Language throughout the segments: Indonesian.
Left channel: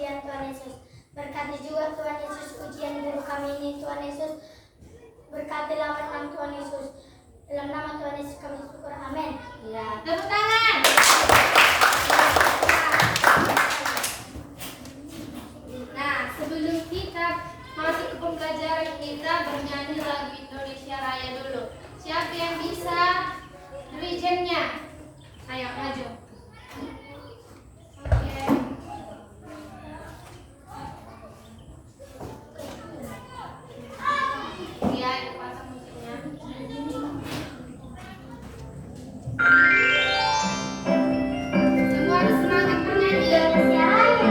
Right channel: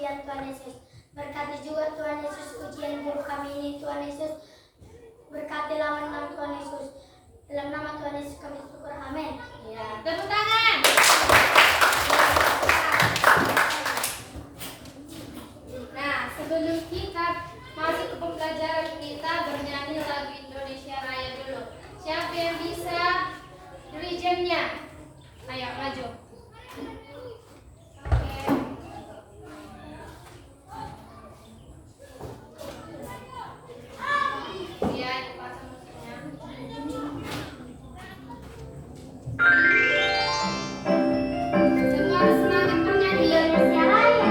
ujian Tuhan Yesus. Berkati juga Tuhan Yesus ujian guru kami ini Tuhan Yesus. Berkati laman Tuhan Yesus. Dalam nama Tuhan Yesus kami syukur. Amin. Ya, tepuk tangan. Nah, sebelum kita masuk ke pembelajaran kita bernyanyi lagu Indonesia Raya dulu. Siapa yang bisa regionnya? Ayo maju. Oke. Ya, pasang musiknya. Semua harus semangat bernyanyi. Indonesia Raya.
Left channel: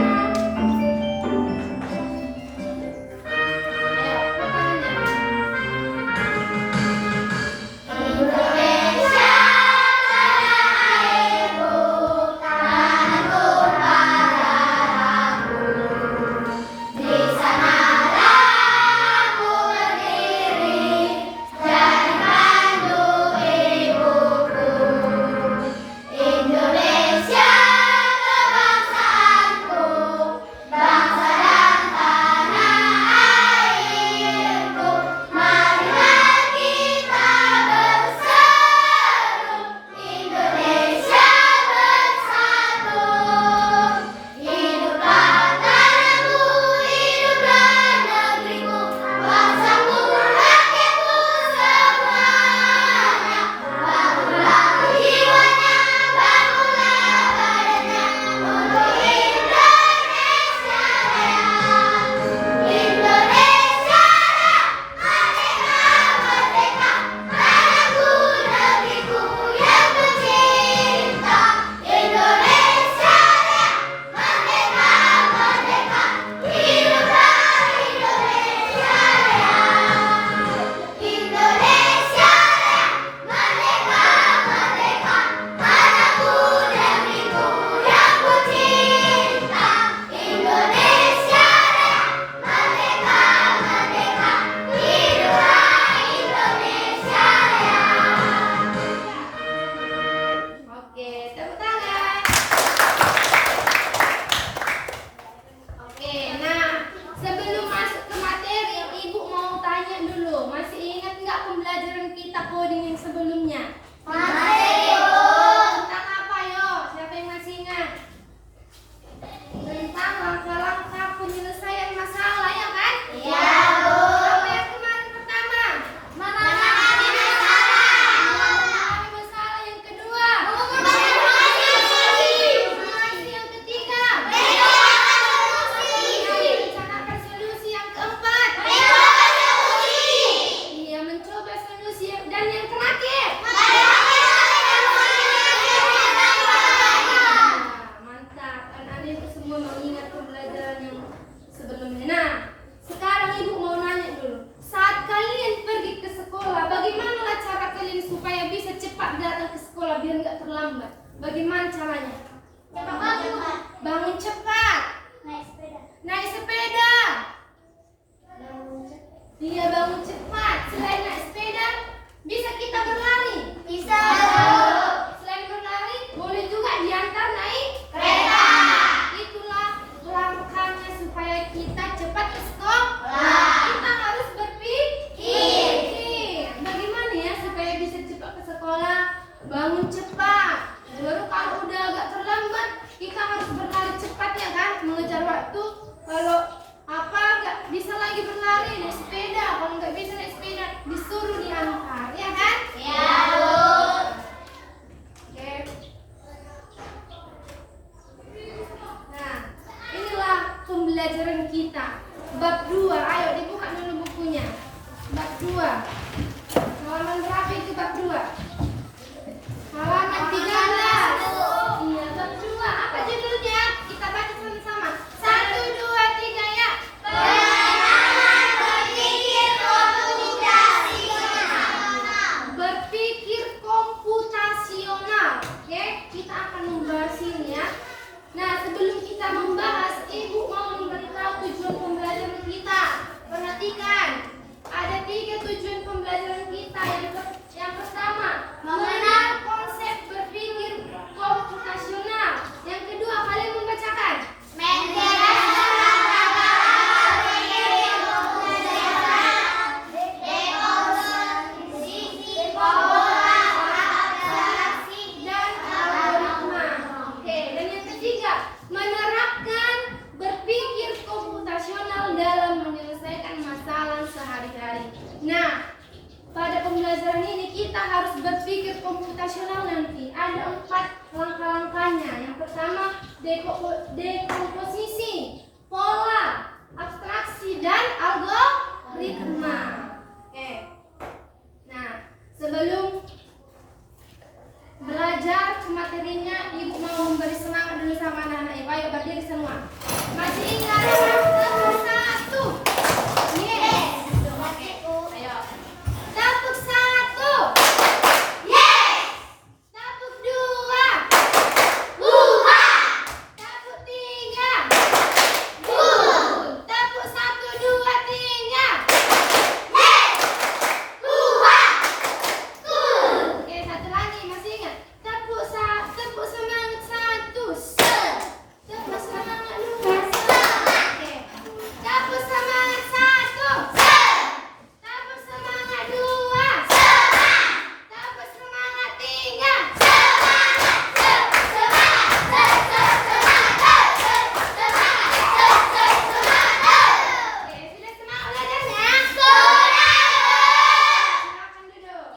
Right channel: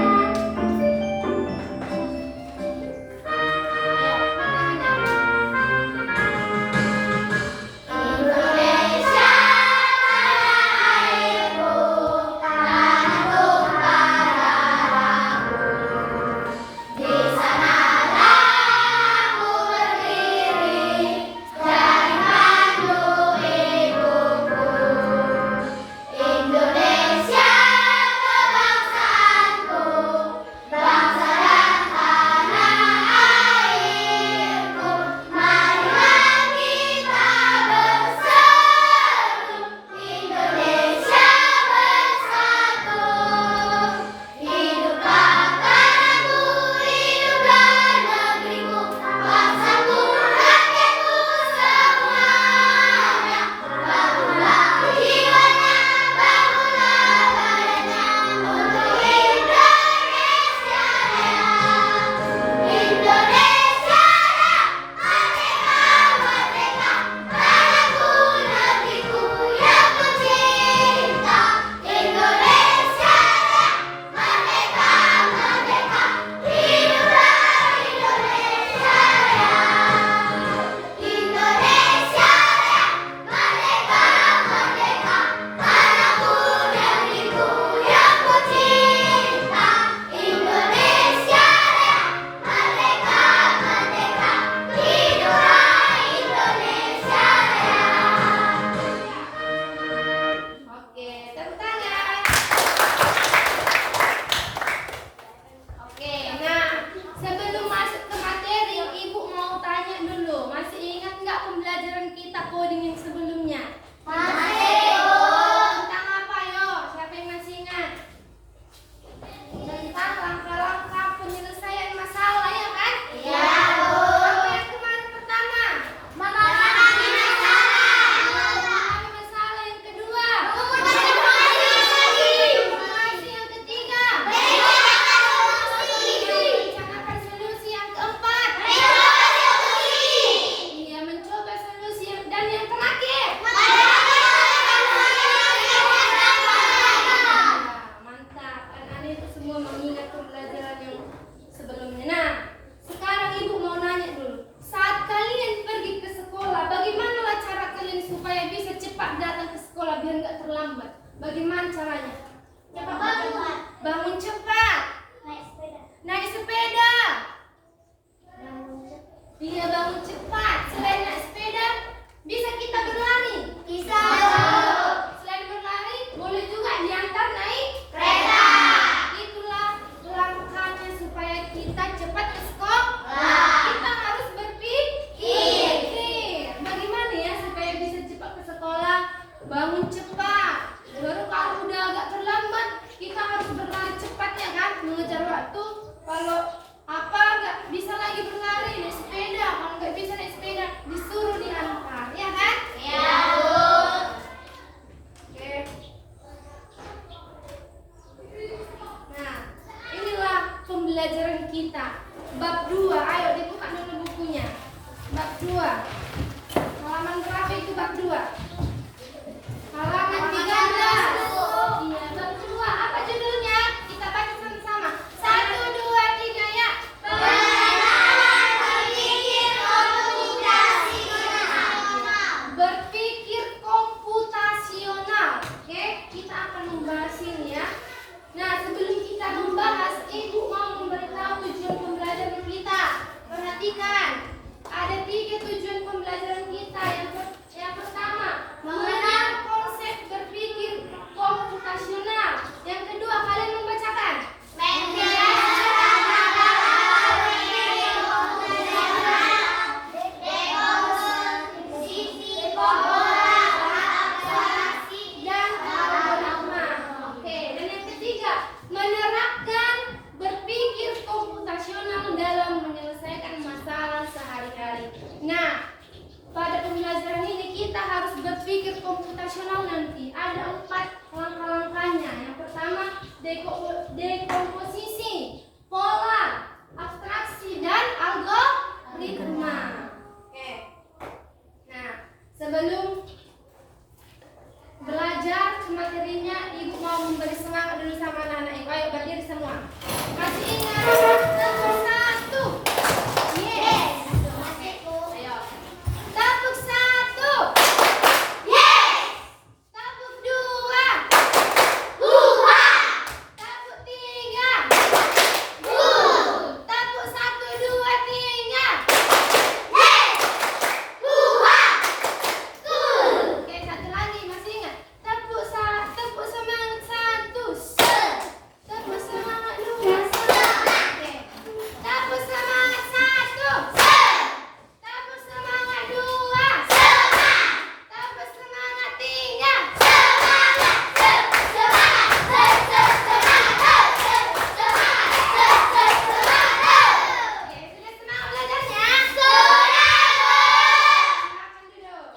Ayo, tangannya. Indonesia tanah airku, tanah tumpah darahku. Di sanalah aku berdiri, jadi pandu ibuku. Indonesia kebangsaanku, bangsa dan tanah airku. Marilah kita berseru, Indonesia bersatu. Hiduplah tanahku, hiduplah negeriku, bangsaku, rakyatku semuanya. Bangunlah jiwanya, bangunlah badannya untuk Indonesia Raya. Indonesia Raya, merdeka, merdeka, tanahku, negeriku yang kucinta. Indonesia Raya, merdeka, merdeka, hiduplah Indonesia Raya. Indonesia Raya, merdeka, merdeka, tanahku, negeriku yang kucinta. Indonesia Raya, merdeka, merdeka, hiduplah Indonesia Raya. Oke, tepuk tangan. Oke, nah sebelum masuk ke materi, Ibu mau tanya dulu, masih ingat nggak pembelajaran kita coding yang sebelumnya? Tentang apa yo? Siapa yang masih ingat? Tentang langkah-langkah penyelesaian masalah ya kan? Iya, Bu. Apa yang kemarin pertama? Memahami masalah. Memahami masalah yang kedua. Informasi yang ketiga. Merencanakan solusi yang keempat. Iya, mencoba solusi dan yang terakhir. Mantap, anak-anak itu semua mengingat pembelajaran yang sebelumnya. Nah, sekarang Ibu mau nanya dulu. Saat kalian pergi ke sekolah, bagaimana cara kalian supaya bisa cepat datang ke sekolah biar nggak terlambat? Bagaimana caranya? Bangun cepat. Naik sepeda. Iya, bangun cepat. Selain naik sepeda, bisa kita berlari. Selain berlari, boleh juga diantar naik Kereta. Itulah langkahnya supaya kita cepat ke sekolah. Kita harus berpikir. Bagaimana ya supaya bisa cepat ke sekolah? Bangun cepat. Baru kalau udah agak terlambat, kita harus berlari cepat ya kan, mengejar waktu. Kalau apa nggak bisa lagi berlari naik sepeda, kalau nggak bisa naik sepeda disuruh diantar, ya kan? Oke. Nah, inilah pembelajaran kita. Bab 2. Ayo dibuka dulu bukunya. Bab 2. Halaman berapa itu bab 2? Halaman 13. Iya, bab 2. Apa judulnya? Kita baca sama-sama. 1, 2, 3 ya. Berpikir komputasional. Oke, kita akan membahas ini ya. Nah, sebelum kita membahas, Ibu mau memberitahu tujuan pembelajaran kita. dekomposisi, pola, abstraksi, dan algoritma. Oke. Nah, sebelum belajar materinya, Ibu mau memberi semangat dulu sama anak-anak Ibu. Ayo berdiri semua. Masih ingat tepuk satu? Yes. Oke, ayo. Tepuk satu. Yes. Tepuk dua. Tepuk tiga. Tepuk satu, dua, tiga. Oke, satu lagi, masih ingat? Tepuk semangat satu. Tepuk semangat dua. Oke. Tepuk semangat satu. Tepuk semangat dua. Tepuk semangat tiga. Oke, sudah semangat belajarnya? Silakan duduk.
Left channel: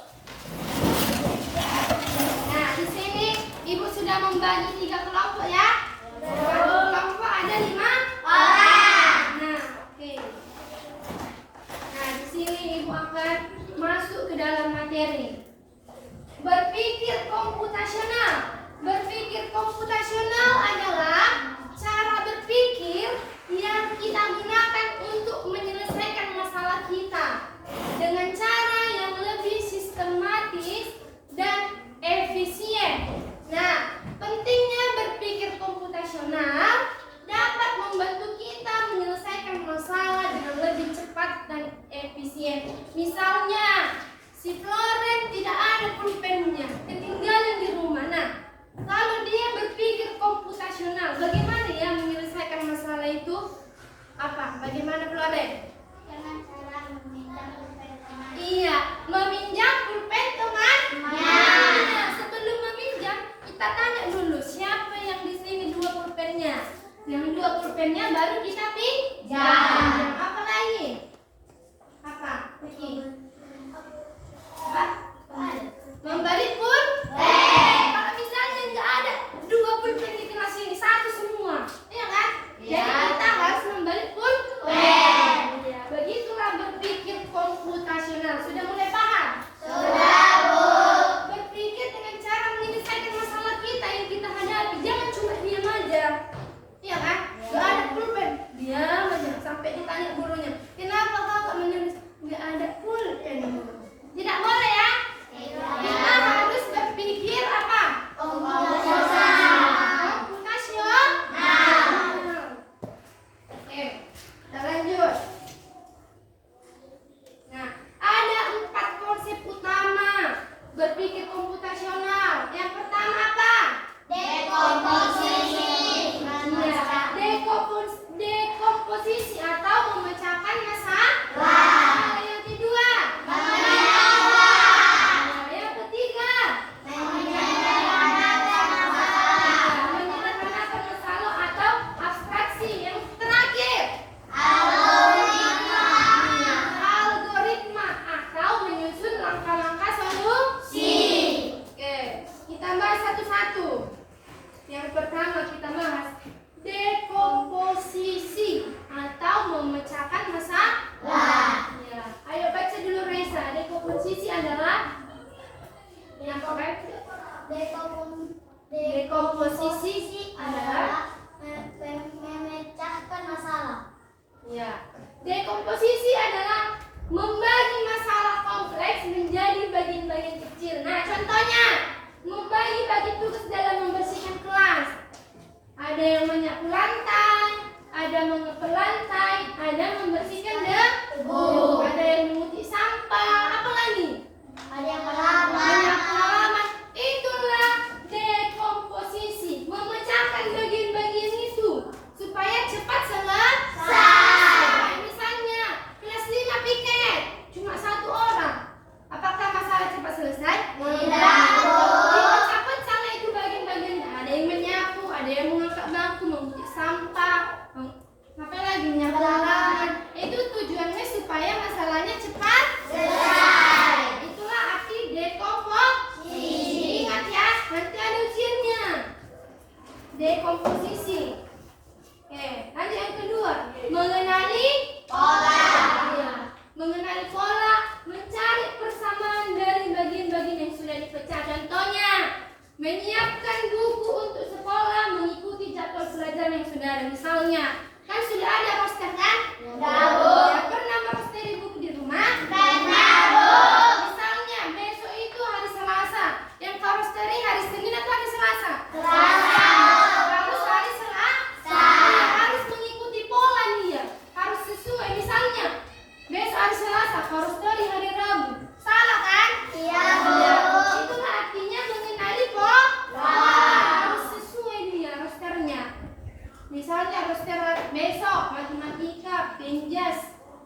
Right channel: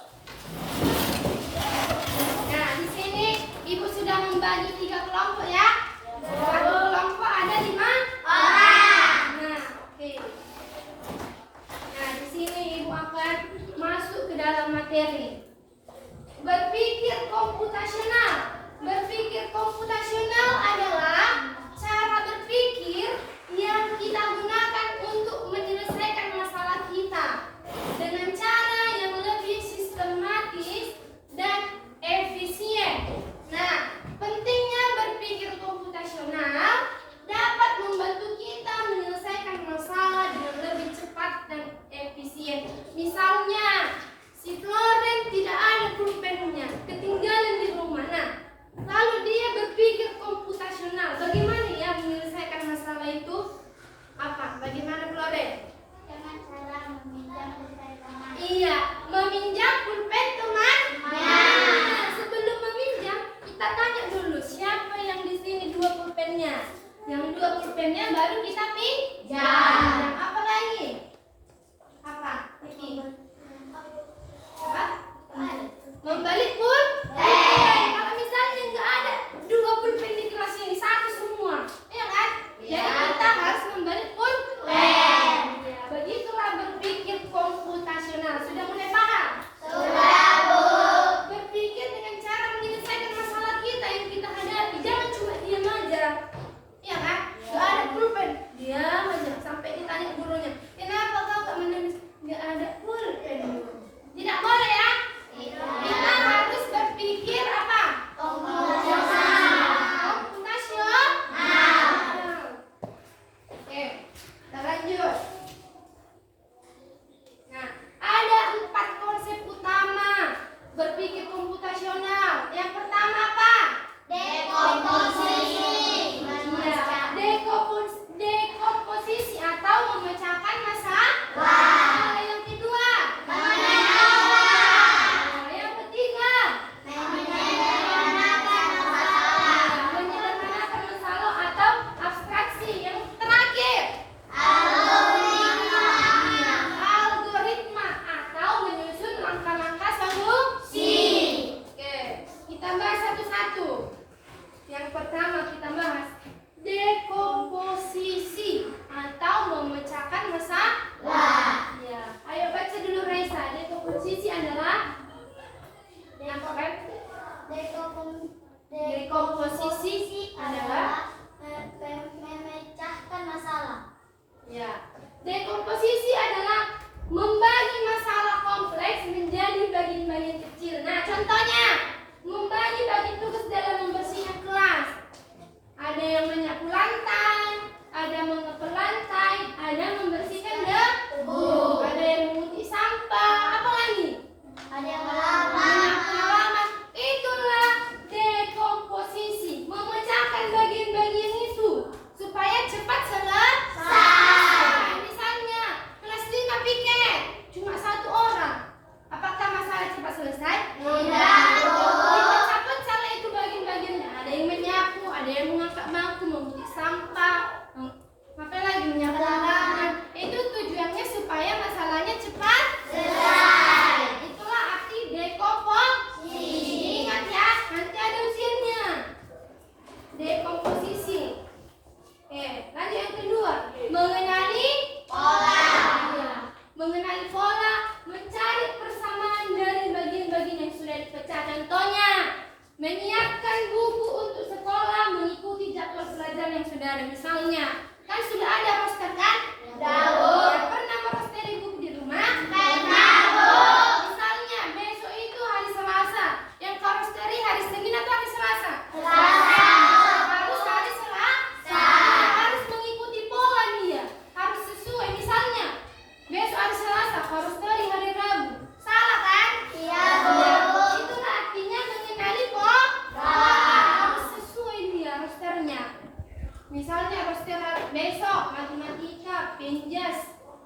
Nah, di sini Ibu sudah membagi 3 kelompok ya. Satu kelompok ada 5 orang. Nah, oke. Nah, di sini Ibu akan masuk ke dalam materi. Berpikir komputasional. Berpikir komputasional adalah cara berpikir yang kita gunakan untuk menyelesaikan masalah kita dengan cara yang lebih sistematis dan efisien. Nah, pentingnya berpikir komputasional dapat membantu kita menyelesaikan masalah dengan lebih cepat dan efisien. Misalnya, si Florence tidak ada pulpennya, ketinggalan di rumah. Nah, kalau dia berpikir komputasional, bagaimana ya menyelesaikan masalah itu? Apa? Bagaimana Florence? Dengan cara meminjam pulpen teman. Iya, meminjam pulpen teman. Nah, sebelum meminjam, kita tanya dulu siapa yang di sini 2 pulpennya. Yang 2 pulpennya baru kita pinjam. Apa lagi? Apa? Apa? Membalik pulpen. Kalau misalnya nggak ada 2 pulpen di kelas ini, 1 semua, iya kan? Jadi kita harus membalik pulpen. Ya, begitulah berpikir komputasional. Sudah mulai paham? Sudah, Bu. Berpikir dengan cara menyelesaikan masalah kita yang kita hadapi. Jangan cuma diam aja. Iya kan? Nggak ada pulpen, diam aja sampai ditanya gurunya, kenapa kau nggak menulis? Nggak ada pulpen. Tidak boleh ya. Kita harus berpikir apa? Komputasional. Oke, kita lanjut. Nah, ada 4 konsep utama berpikir komputasional. Yang pertama apa? Dekomposisi. Dekomposisi atau memecahkan masalah. Yang kedua, yang ketiga, menyederhanakan masalah atau abstraksi. Yang terakhir, algoritma atau menyusun langkah-langkah solusi. Oke, kita bahas satu-satu. Yang pertama kita bahas dekomposisi atau memecahkan masalah. Ya, ayo baca dulu Raisa. Dekomposisi adalah Dekomposisi adalah memecahkan masalah. ya. Dekomposisi adalah membagi masalah kompleks menjadi bagian-bagian kecil. Nah, contohnya membagi bagi tugas dalam membersihkan kelas. Ada yang menyapu lantai, ada mengepel lantai, ada membersihkan debu, ada yang mengutik sampah, apa lagi? Ada yang berlama. Banyak pengalaman. Itulah dekomposisi, memecahkan bagian-bagian itu supaya cepat selesai. Misalnya kelas 5 piket, cuma 1 orang. Apakah masalah cepat selesai? Tidak. Dipecah-pecah itu bagian-bagiannya. Ada yang menyapu, ada yang mengangkat bangku, mengutik sampah, apa lagi menyapu halaman. Itu tujuannya supaya masalahnya cepat selesai. Itulah arti dekomposisi. Ingat ya, nanti ada ujiannya. Dekomposisi.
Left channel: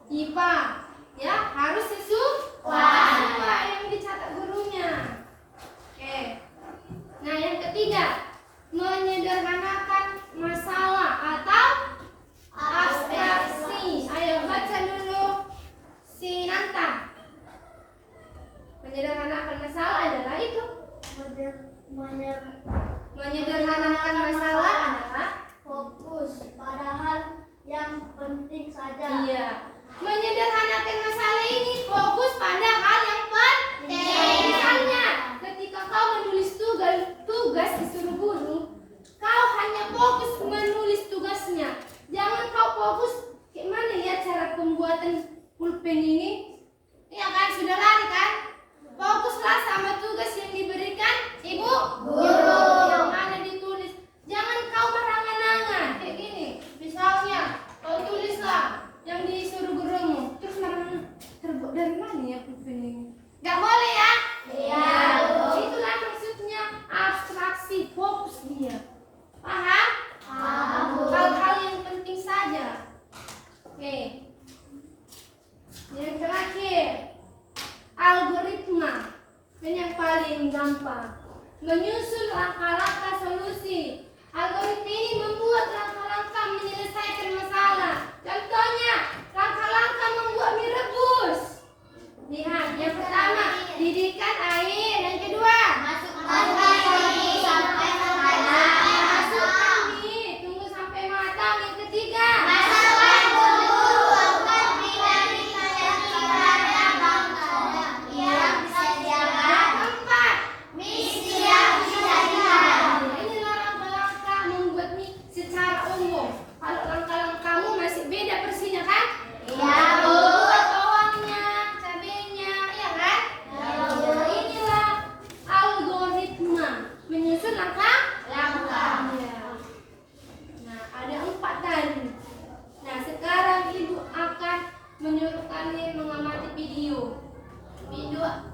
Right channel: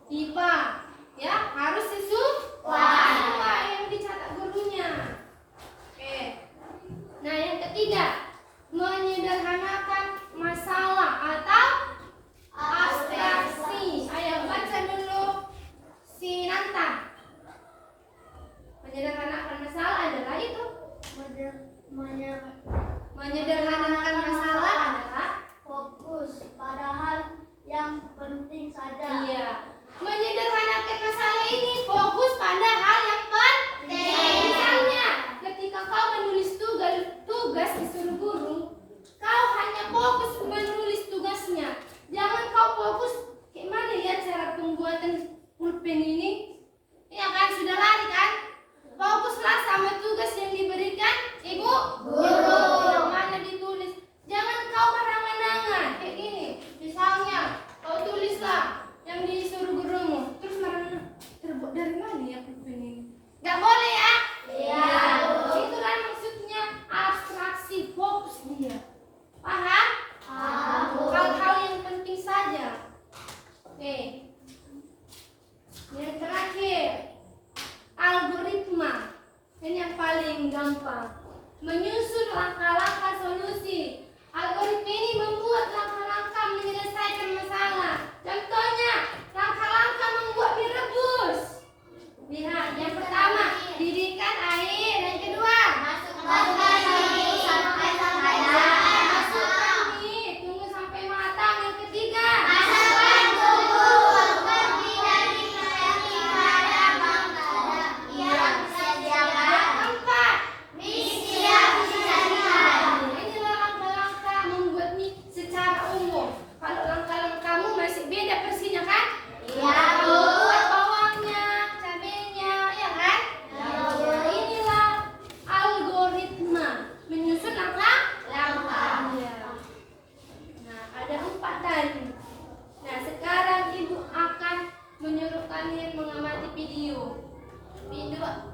IPA. Ya, harus sesuai yang dicatat gurunya. Oke. Nah, yang ketiga, menyederhanakan masalah atau abstraksi. Ayo baca dulu si Nanta. Menyederhanakan masalah adalah itu. Menyederhanakan masalah adalah fokus pada hal yang penting saja. iya. Menyederhanakan masalah ini fokus pada hal yang penting. Misalnya, ketika kau menulis tugas disuruh guru, kau hanya fokus menulis tugasnya. Jangan kau fokus gimana ya cara pembuatan pulpen ini. Iya kan, sudah lari kan? Fokuslah sama tugas yang diberikan ibu guru yang mana ditulis. Jangan kau berangan-angan kayak gini. Misalnya, kau tulislah yang disuruh gurumu, terus marah-marah, terbuat dari mana ya pulpen ini? Gak boleh ya? Iya. Itulah maksudnya abstraksi, fokus dia. Paham? Hal-hal yang penting saja. Oke. Yang terakhir, algoritma. Ini yang paling gampang. Menyusun langkah-langkah solusi. Algoritma ini membuat langkah-langkah menyelesaikan masalah. Contohnya, langkah-langkah membuat mie rebus. Lihat, yang pertama, didihkan air. Yang kedua, masukkan mie, tunggu sampai matang. Yang ketiga,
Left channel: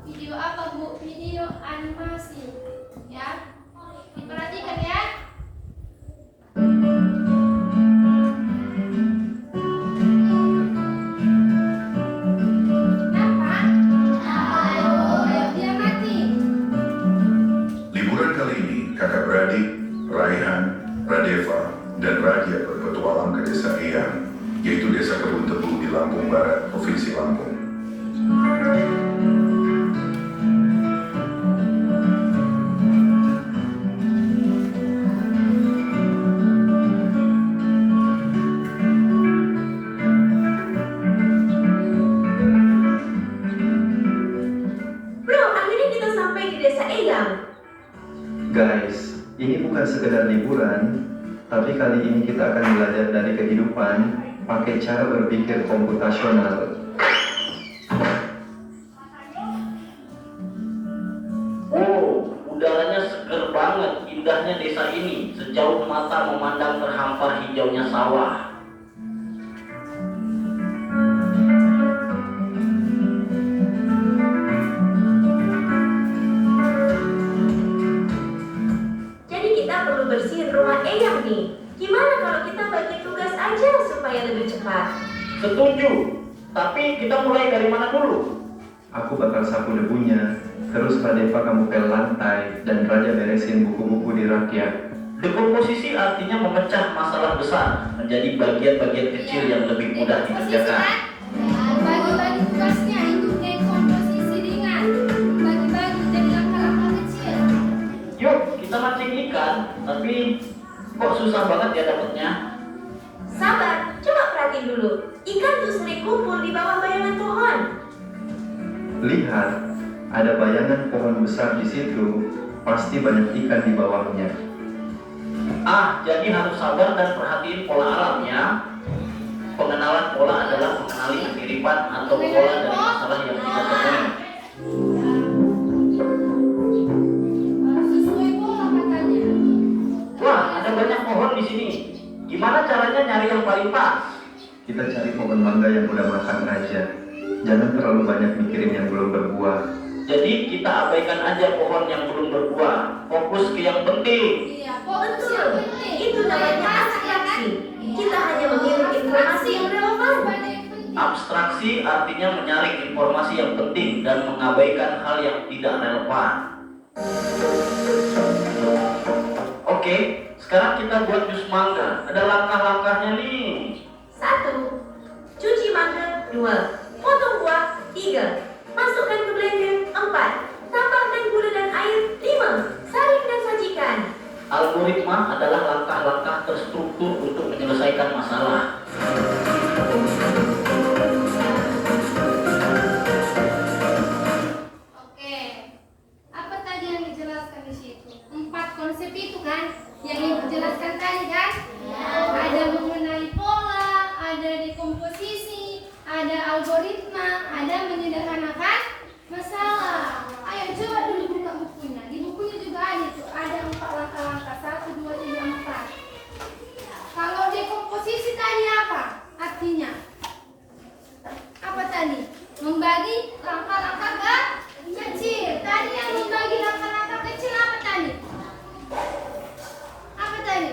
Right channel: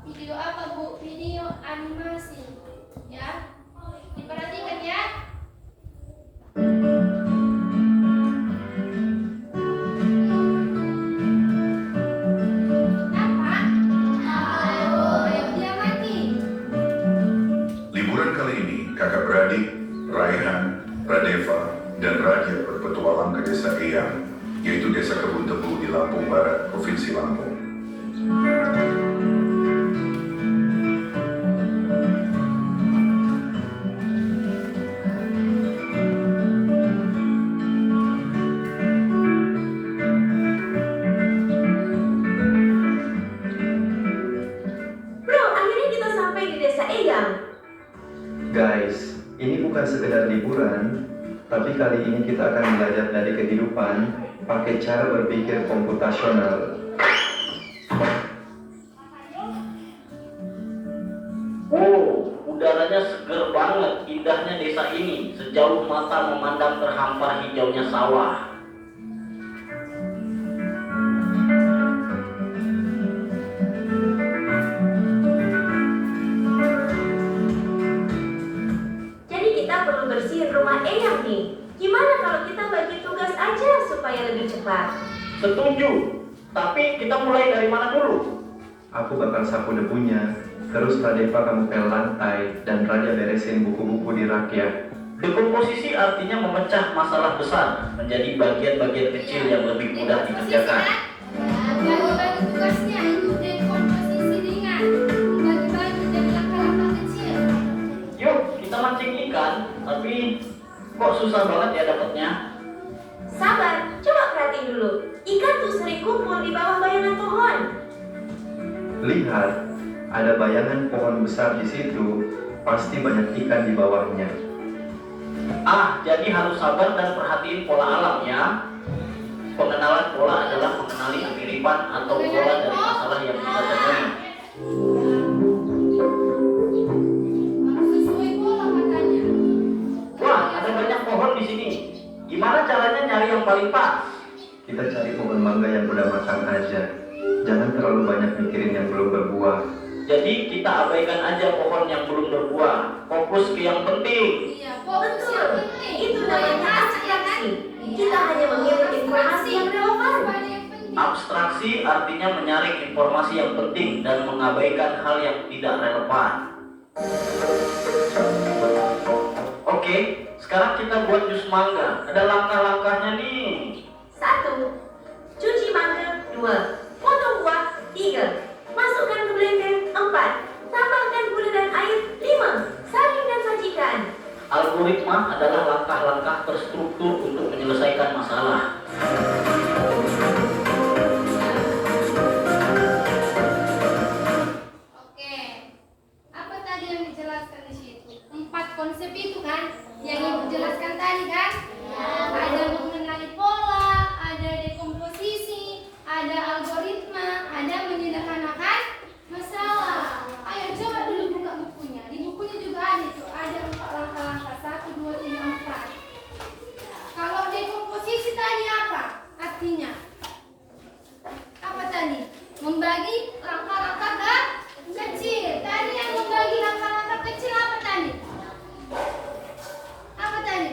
video apa Bu? Video animasi. Ya. Diperhatikan ya. Apa? Dia mati. Liburan kali ini, kakak beradik, Raihan, Radeva, dan Radia berpetualang ke desa Eyang, yaitu desa Kebun Tebu di Lampung Barat, Provinsi Lampung. Guys, ini bukan sekedar liburan, tapi kali ini kita akan belajar dari kehidupan pakai cara berpikir komputasional. Oh, udaranya seger banget, indahnya desa ini. Sejauh mata memandang terhampar hijaunya sawah. Bersihin rumah Eyang nih. Gimana kalau kita bagi tugas aja supaya lebih cepat? Setuju, tapi kita mulai dari mana dulu? Aku bakal sapu debunya, terus Radeva kamu pel lantai, dan Raja beresin buku-buku di rakyat. Dekomposisi artinya memecah masalah besar menjadi bagian-bagian kecil yang lebih mudah dikerjakan. Bagi-bagi tugasnya itu dekomposisi ringan. Bagi-bagi jadi langkah-langkah kecil. Yuk, kita mancing ikan, tapi kok susah banget ya dapatnya? Sabar, coba perhatiin dulu. Ikan tuh sering kumpul di bawah bayangan pohon. Lihat, ada bayangan pohon besar di situ, pasti banyak ikan di bawahnya. Ah, jadi harus sabar dan perhatiin pola alam ya. Pengenalan pola adalah mengenali kemiripan atau pola dari masalah yang kita temui. Harus sesuai pola katanya. Wah, ada banyak pohon di sini. Gimana caranya nyari yang paling pas? Kita cari pohon mangga yang udah matang aja. Jangan terlalu banyak mikirin yang belum berbuah. Jadi kita abaikan aja pohon yang belum berbuah. Fokus ke yang penting. Iya, fokus yang Betul, penting. itu namanya abstraksi. Kita hanya memilih informasi yang relevan. Yang penting. Abstraksi hanya menyaring informasi yang penting dan mengabaikan hal yang tidak relevan. Oke, sekarang kita buat jus mangga. Ada langkah-langkahnya nih. 1. Cuci mangga. 2. Potong buah. 3. Masukkan ke blender. 4. Tambahkan gula dan air. 5. Saring dan sajikan. Algoritma adalah langkah-langkah terstruktur untuk menyelesaikan masalah. Oke, apa tadi yang dijelaskan di situ? 4 konsep itu kan, yang ibu jelaskan tadi kan? Ada mengenali pola, ada dekomposisi, ada algoritma, ada menyederhanakan masalah. Ayo coba dulu buka bukunya. Di bukunya juga ada tuh, ada 4 langkah-langkah, 1, 2, 3, 4. Kalau dekomposisi tadi apa artinya? Apa tadi? Membagi langkah-langkah kecil. Tadi yang membagi langkah-langkah kecil apa tadi? Apa tadi?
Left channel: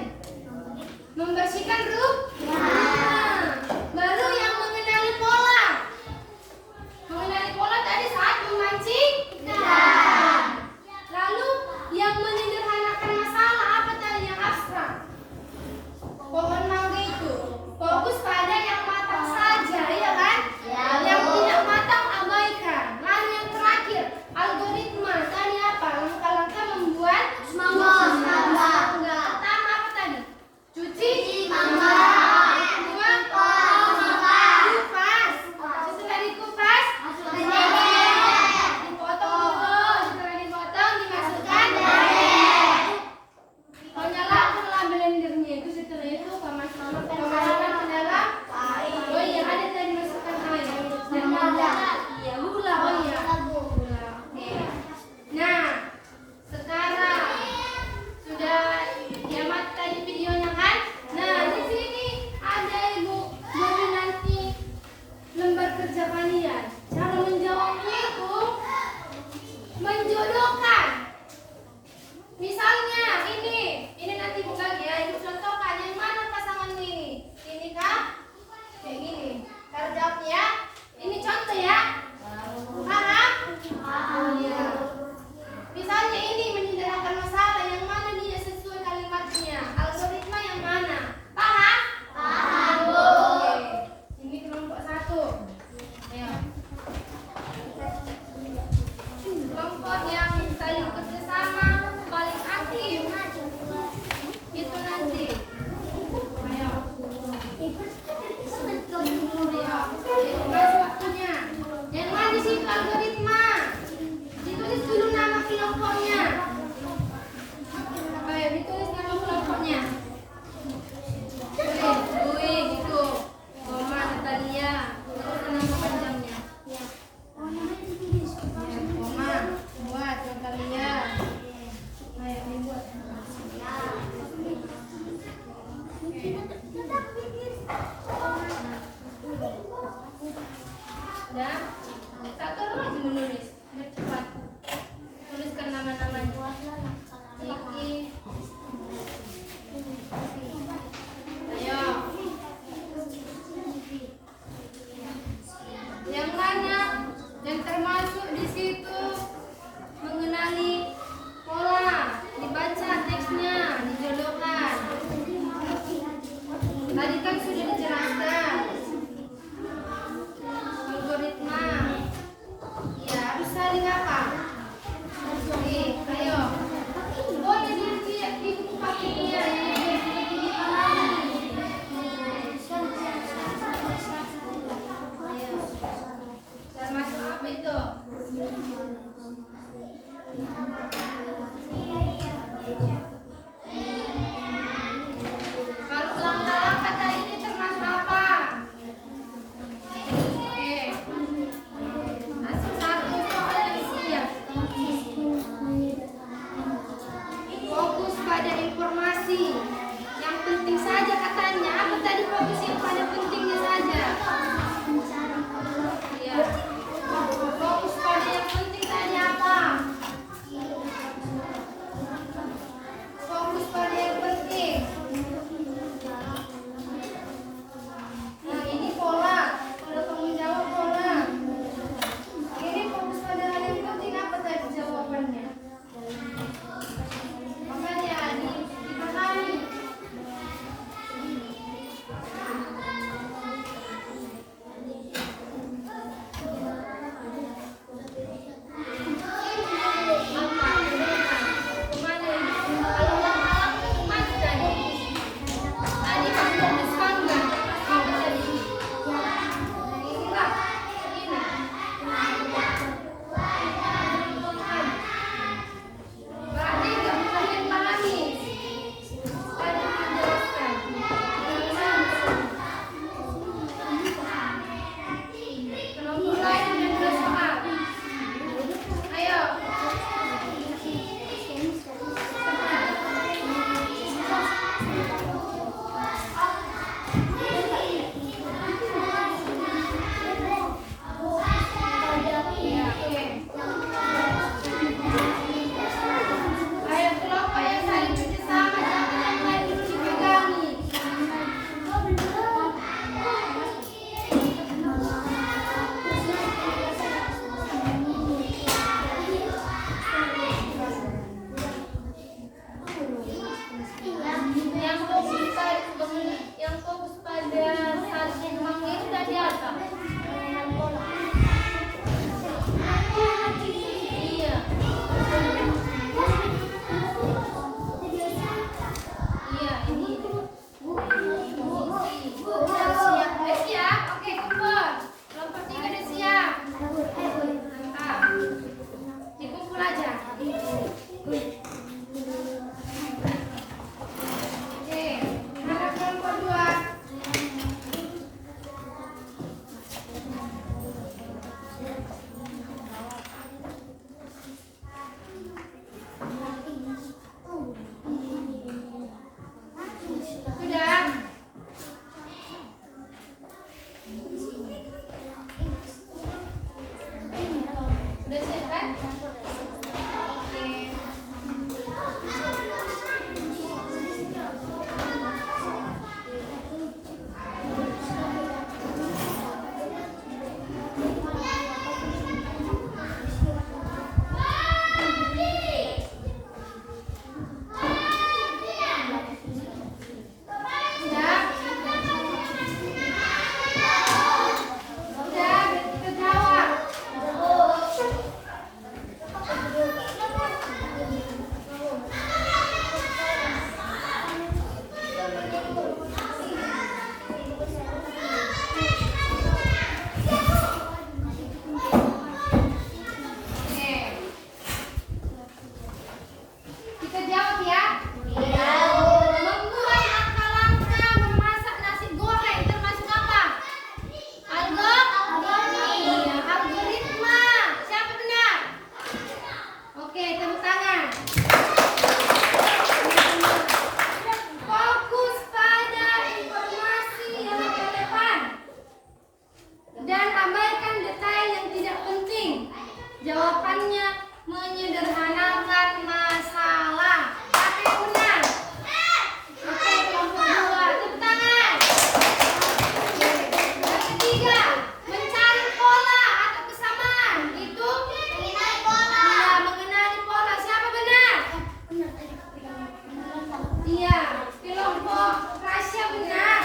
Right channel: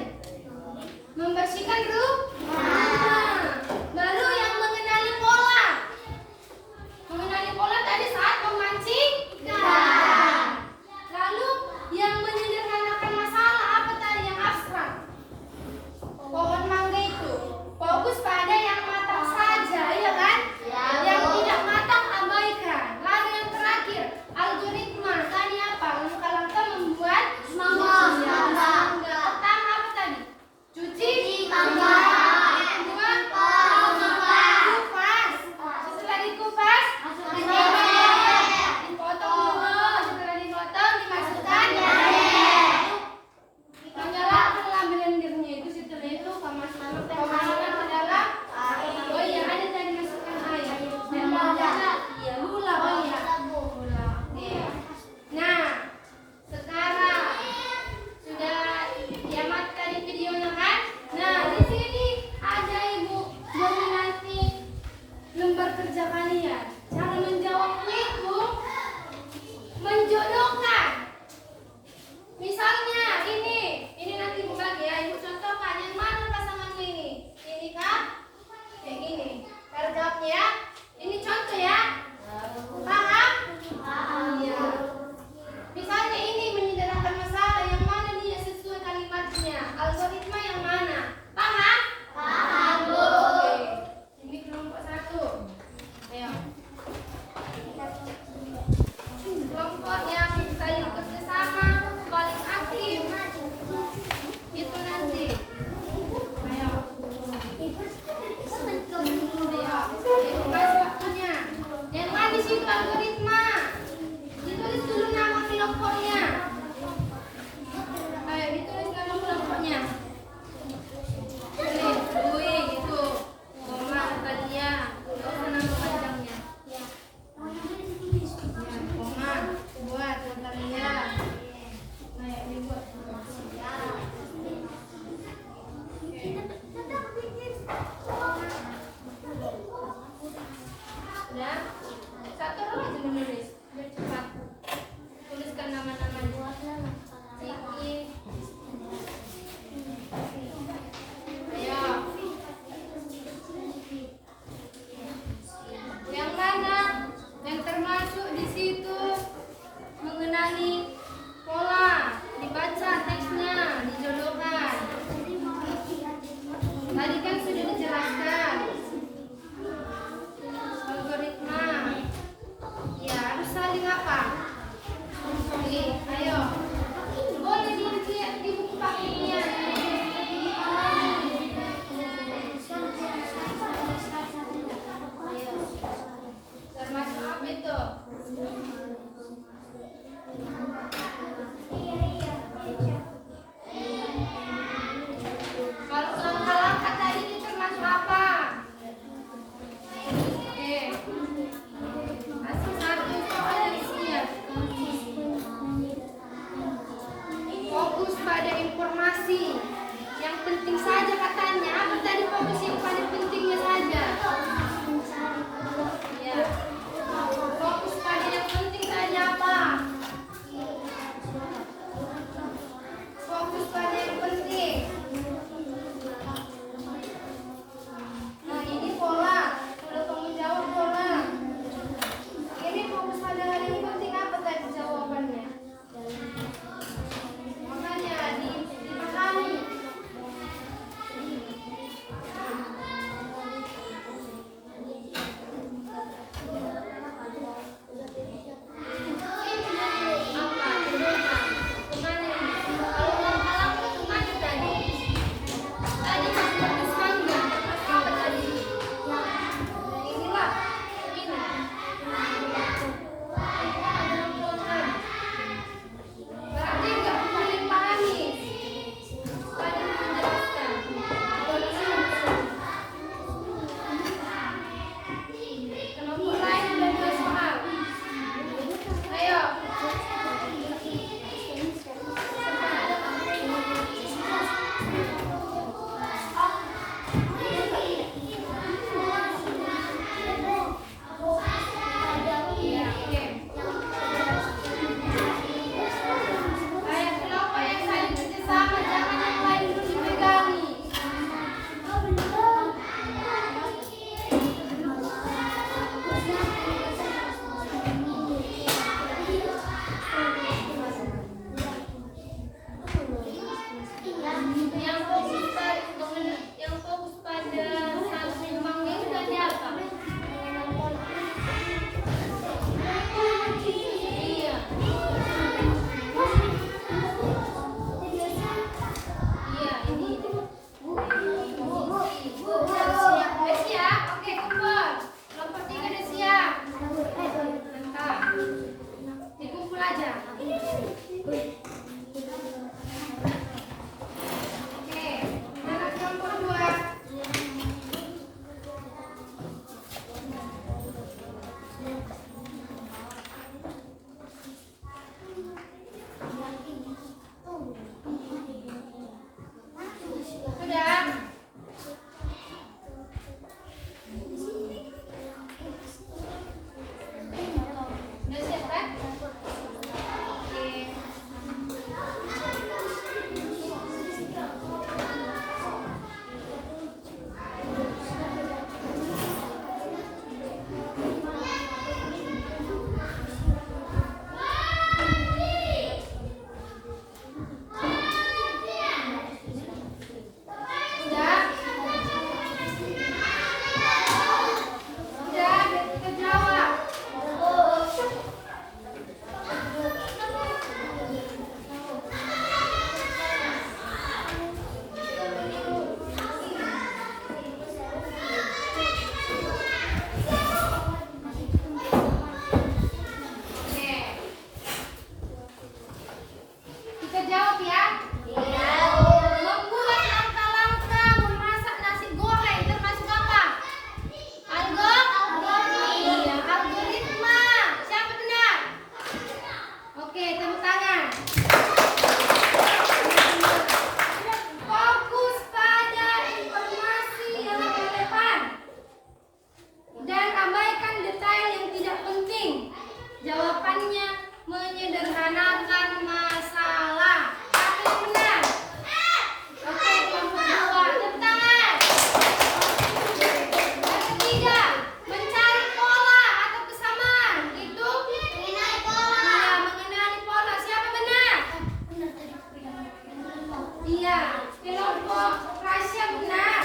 Kelompok Rasya benar.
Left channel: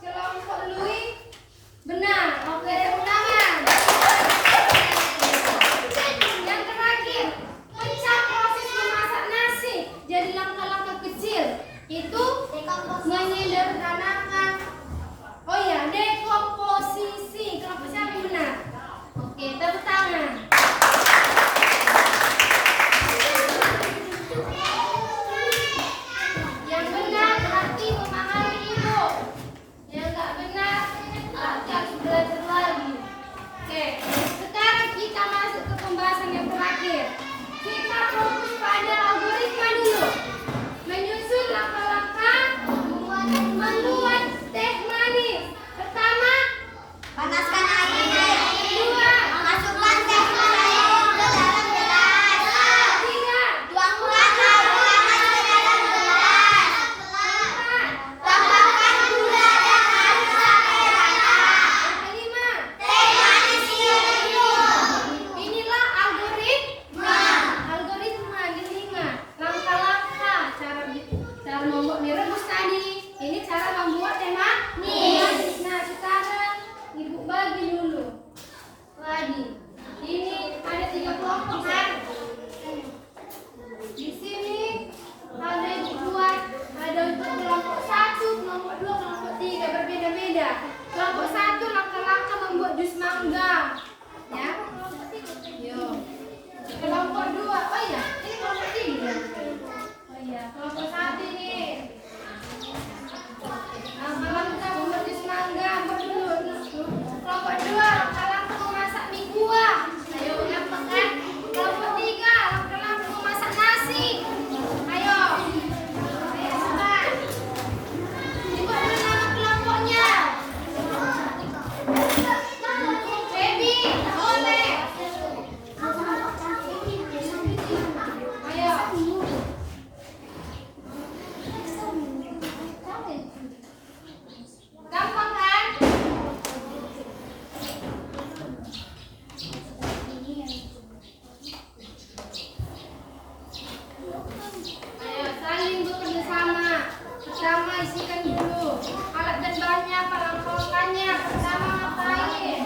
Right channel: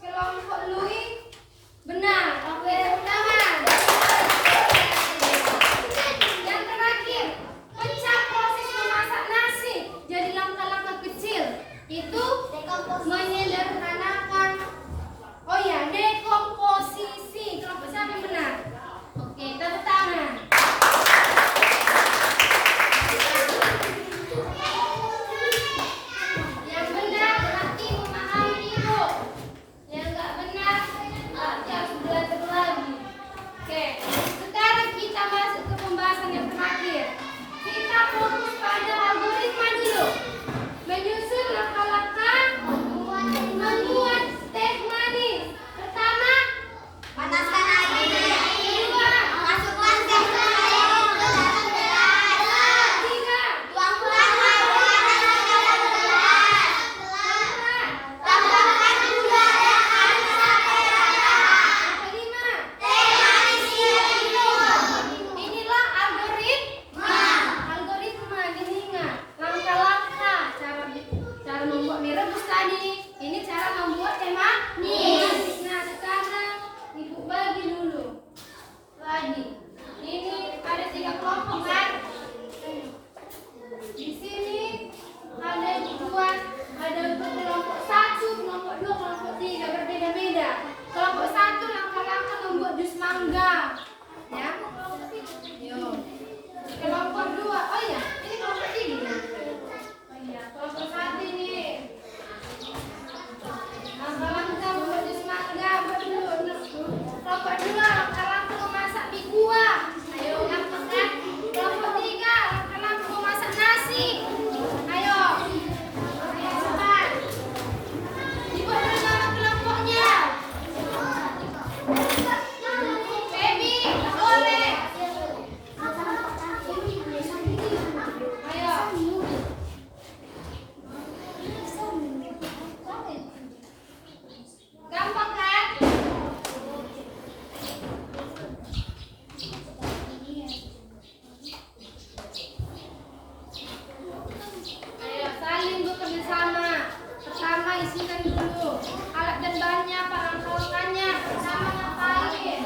Kelompok Louis benar. Oke, tepuk tangan. Yang terakhir, pecah proses memasak nasi jadi langkah-langkah kecil. Itu menyederhanakan. Oh ya, dekomposisi. Kelompok siapa yang benar? Oke, tepuk tangan. Yang benar berarti memahami ibu. Yang nggak benar berarti harus belajar lagi. Oke, sekarang kita masuk ke pembahasan yang terakhir. Kita fokus pada algoritma dulu. Menyusun langkah-langkah membuat teh manis. Pertama, Panaskan air. kedua, Masukkan teh manis ke dalam gelas. ketiga, Tuangkan air panas ke dalam gelas. keempat, Tambahkan gula dan air sampai rata. yang kelima. Teh manis siap. Inilah algoritma diingat. Langkah-langkah cara membuat mie rebus tadi. Ini cara membuat teh manis. Nah, sekarang ibu bagi dulu. Ini ada 3 kelompok kan? Di sini ada ibu buat, ada untuk kelompok 1, kelompok 2, kelompok 3 berbeda-beda. Kelompok 1 langkah-langkah membuat jus mangga. Ya. Yo. Kelompok 2. Oh iya, ini kelompok 3. Oh iya, kelompok 1 ini. Langkah-langkah membuat jus mangga berdua. Kelompok 2 langkah-langkah memasak mie kuah. Ayo, gampang kan? Kelompok 3 langkah-langkah memasak nasi. Ayo. Ayo, coba. Ibu dulu nama kelompoknya. Baby, boleh. Ayo. Gampang kan? Ayo saling bekerja sama. Pertama isikan dulu alat dan bahannya, apa langkah-langkahnya. Pertama ngapain?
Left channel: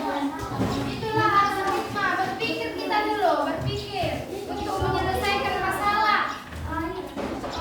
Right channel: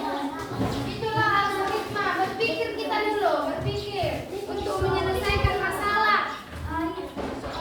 Itulah algoritma. Berpikir kita dulu, berpikir untuk menyelesaikan masalah. Ayo.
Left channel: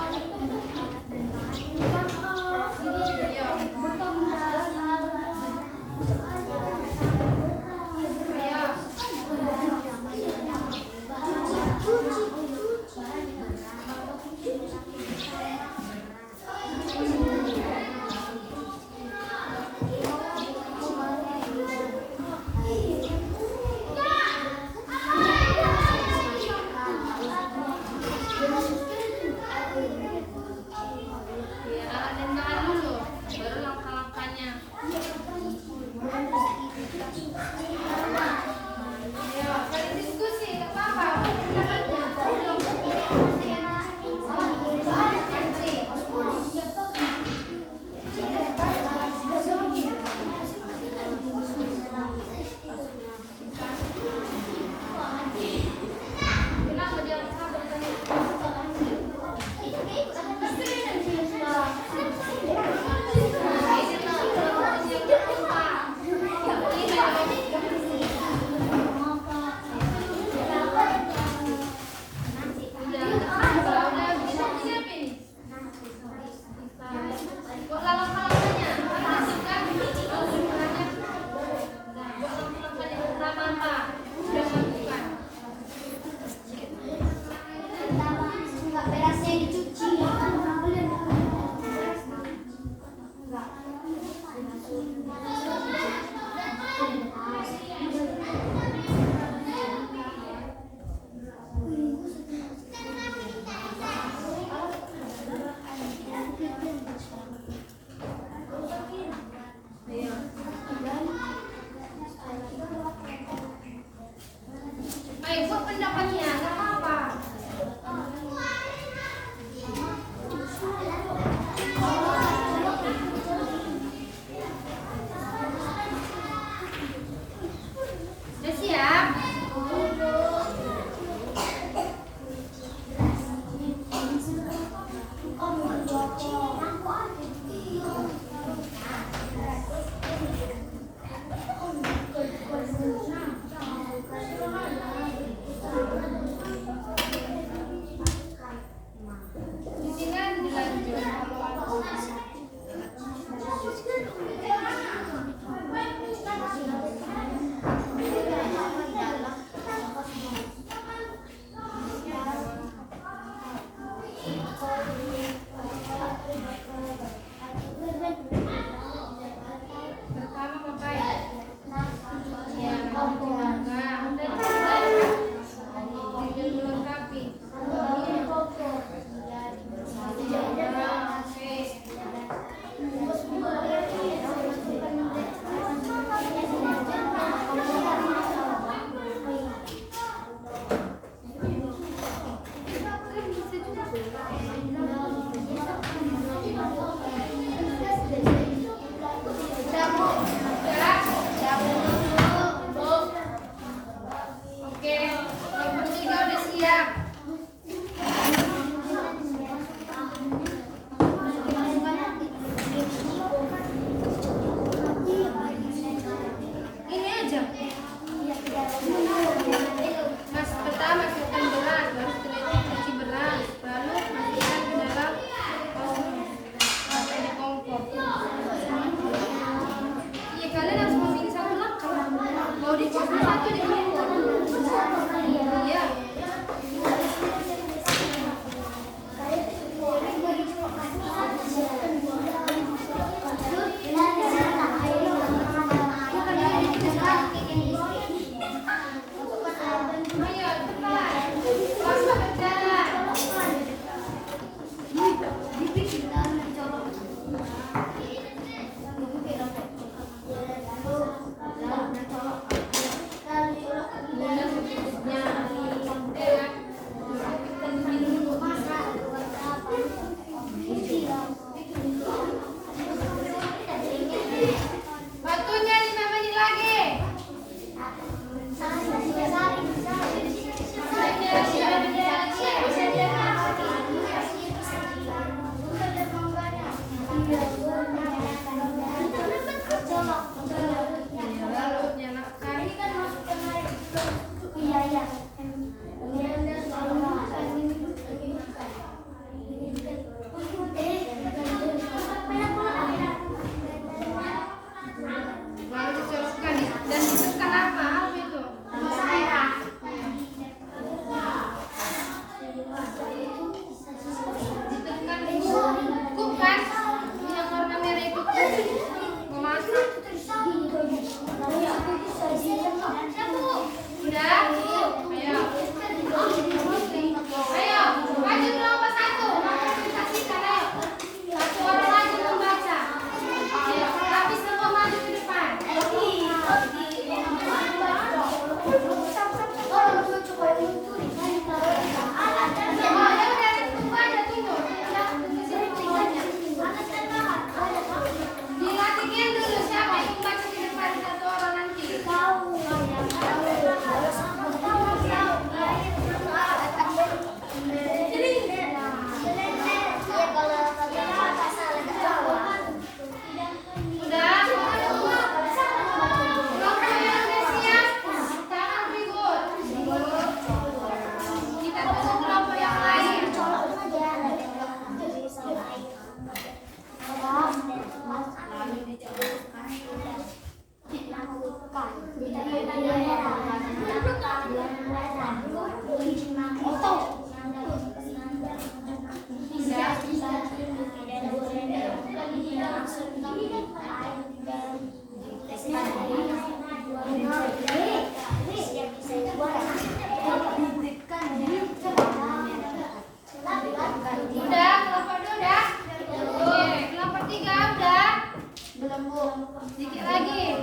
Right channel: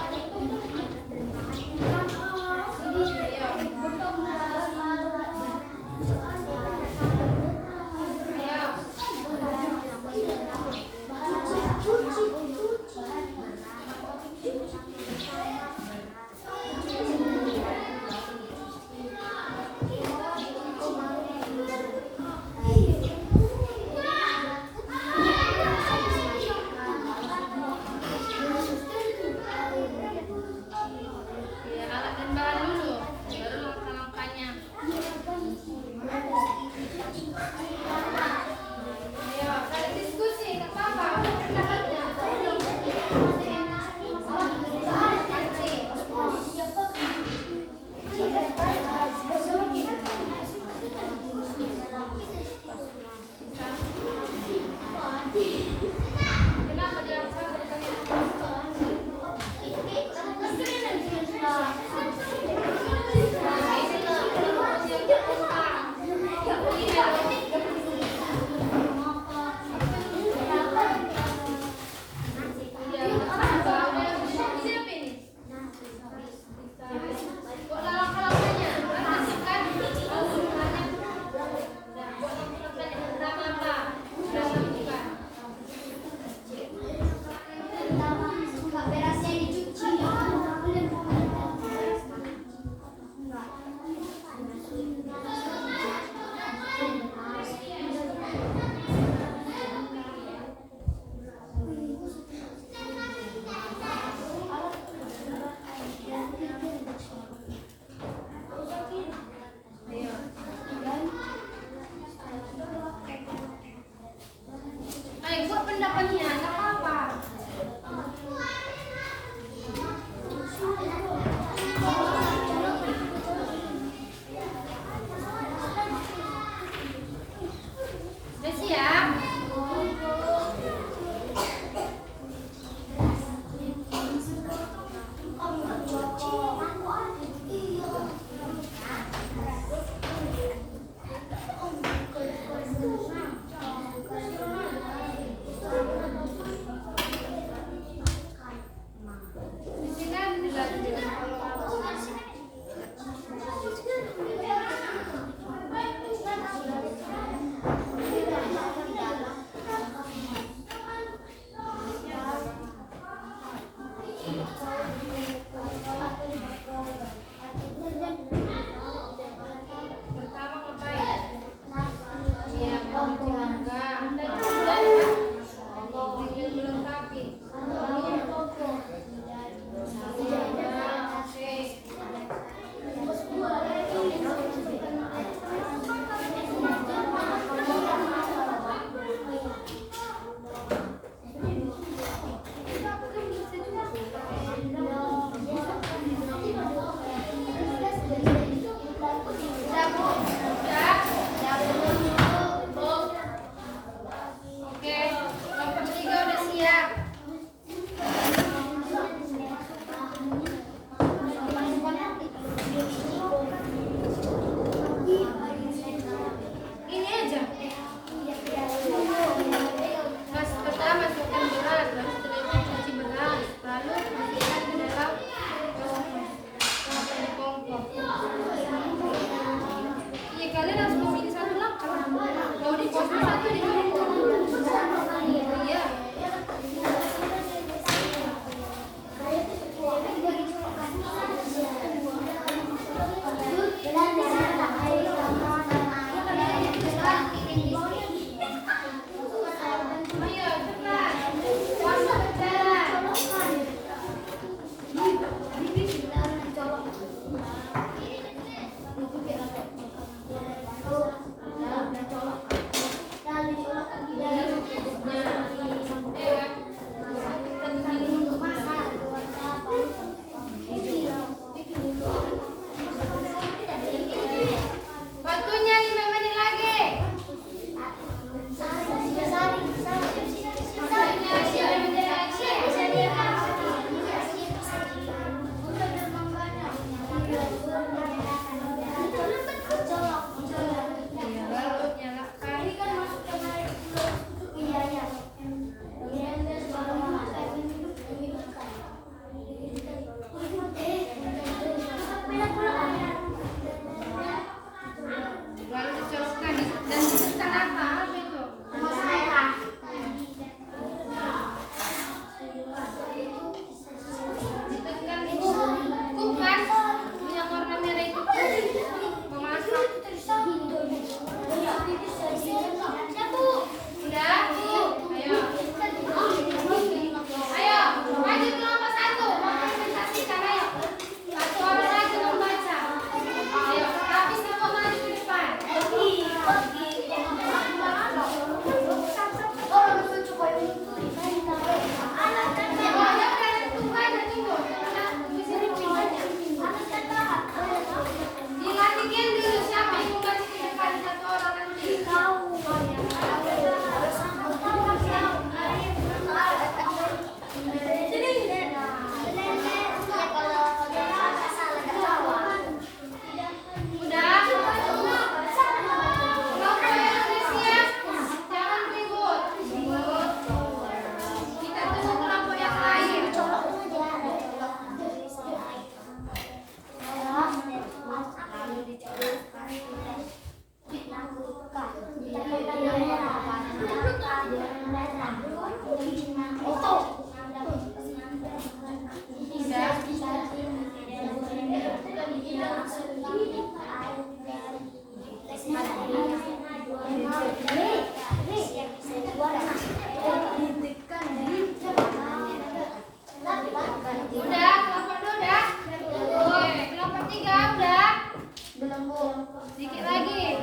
Sedikit lagi.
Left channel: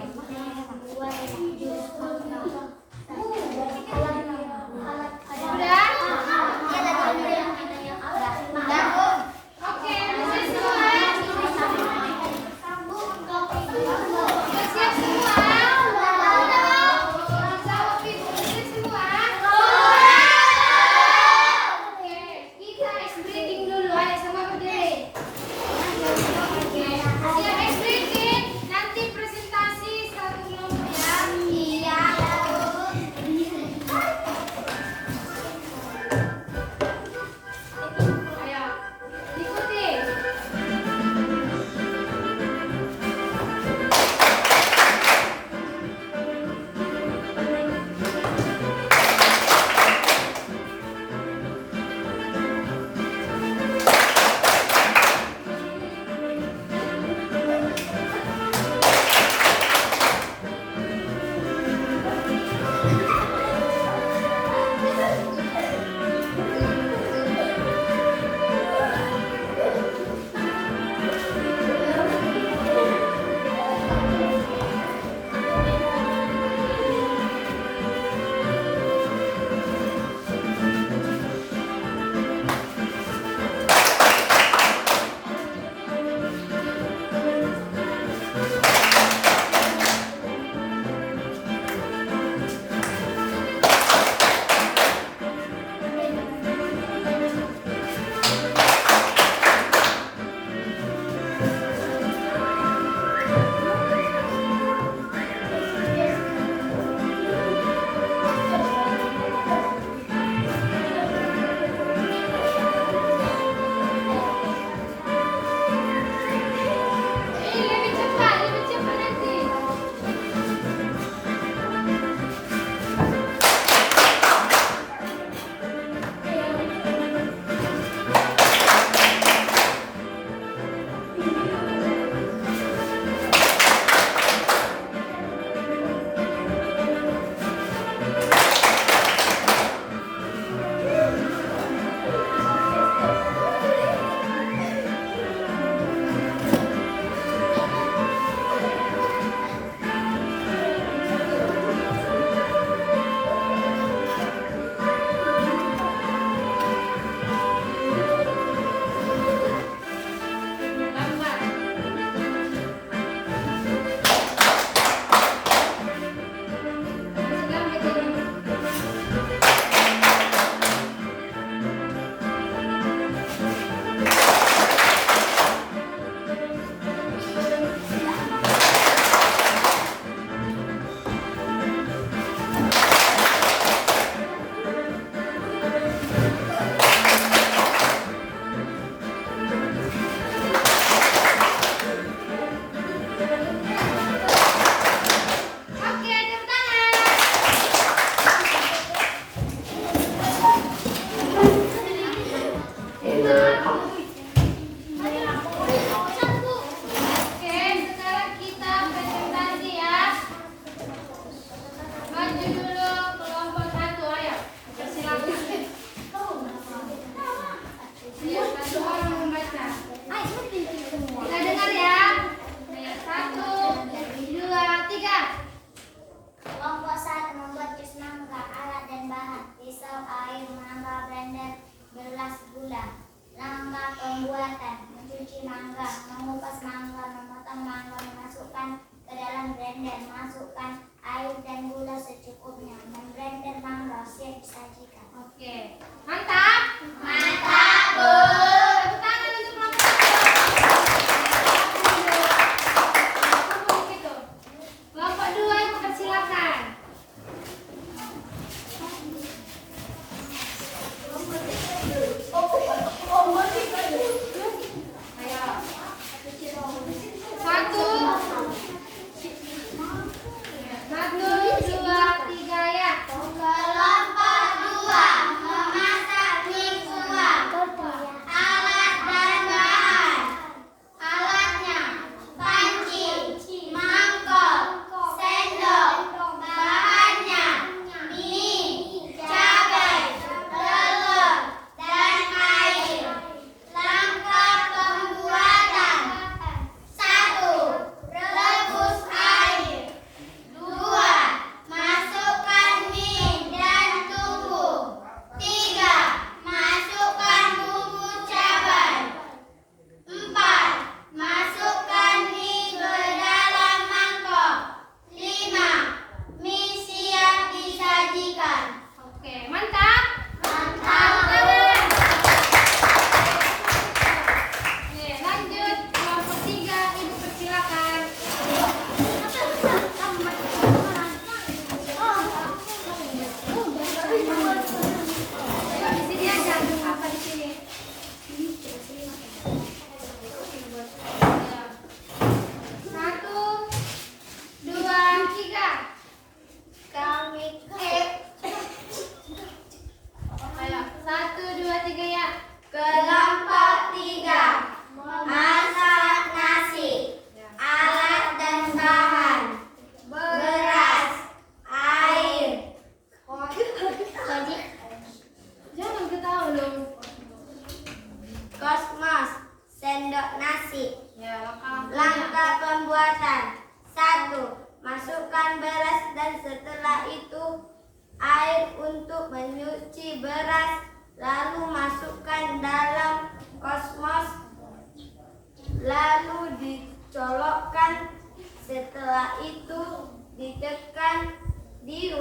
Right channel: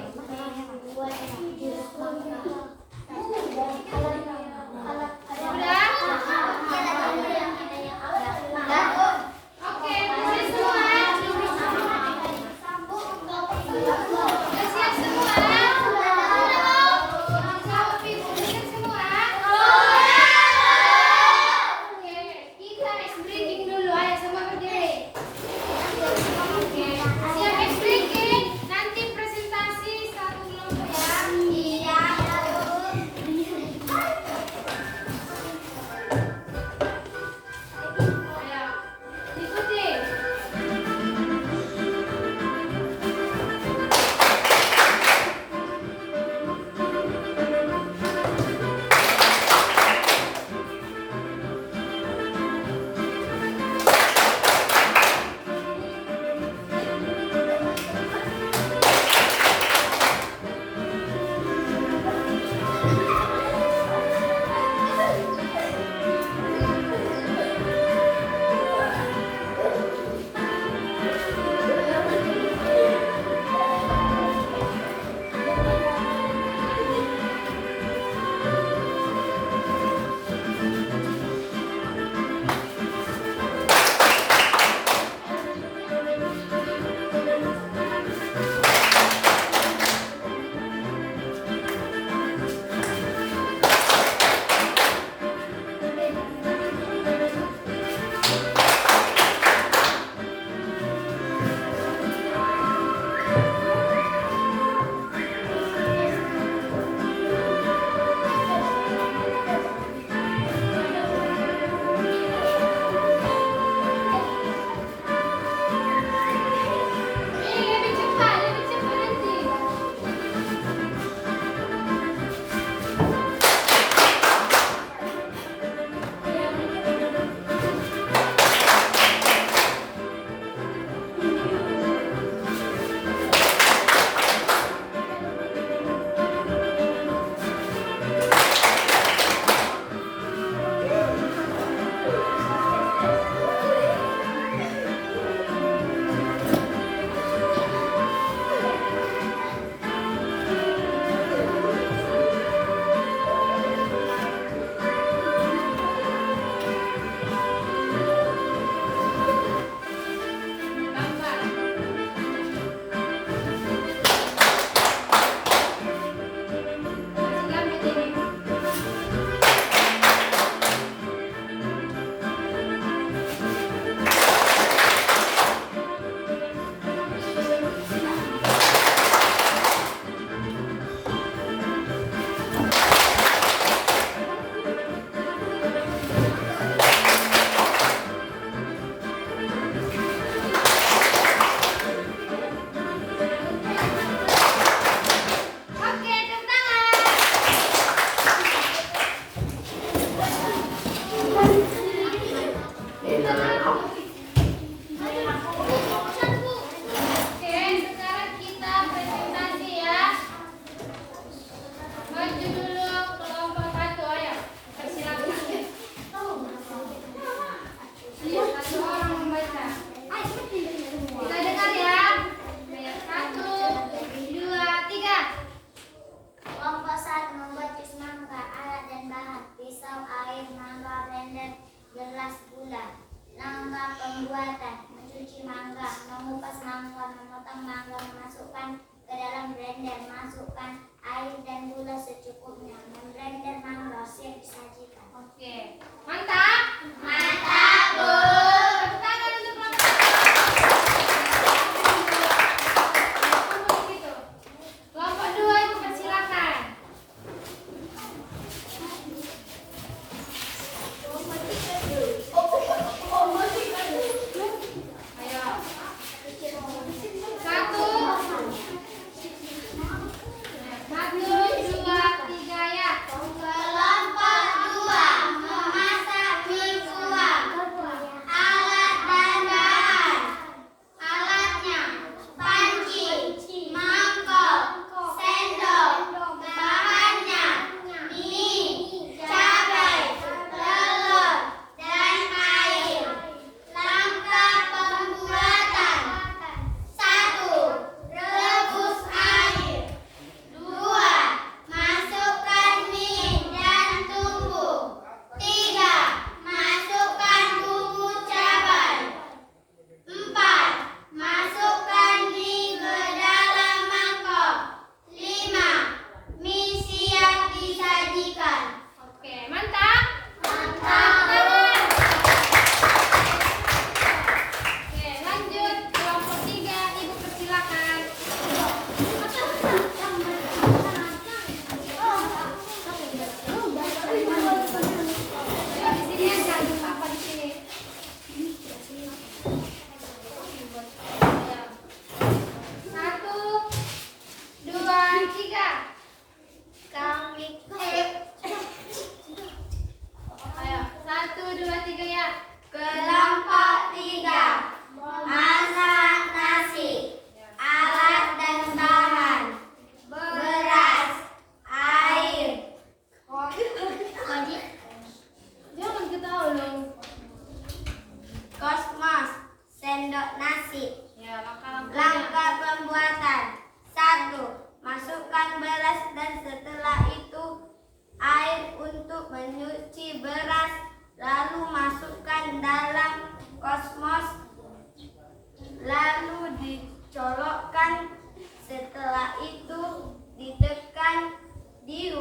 Udah? Oke, masih semua. Udah siap semua? Jawab Ibu, udah siap semua? Oke, kita ice breaking dulu. Ayo semua berdiri. Oke, siap ice breaking. Nanti presentasi satu kelompok ya.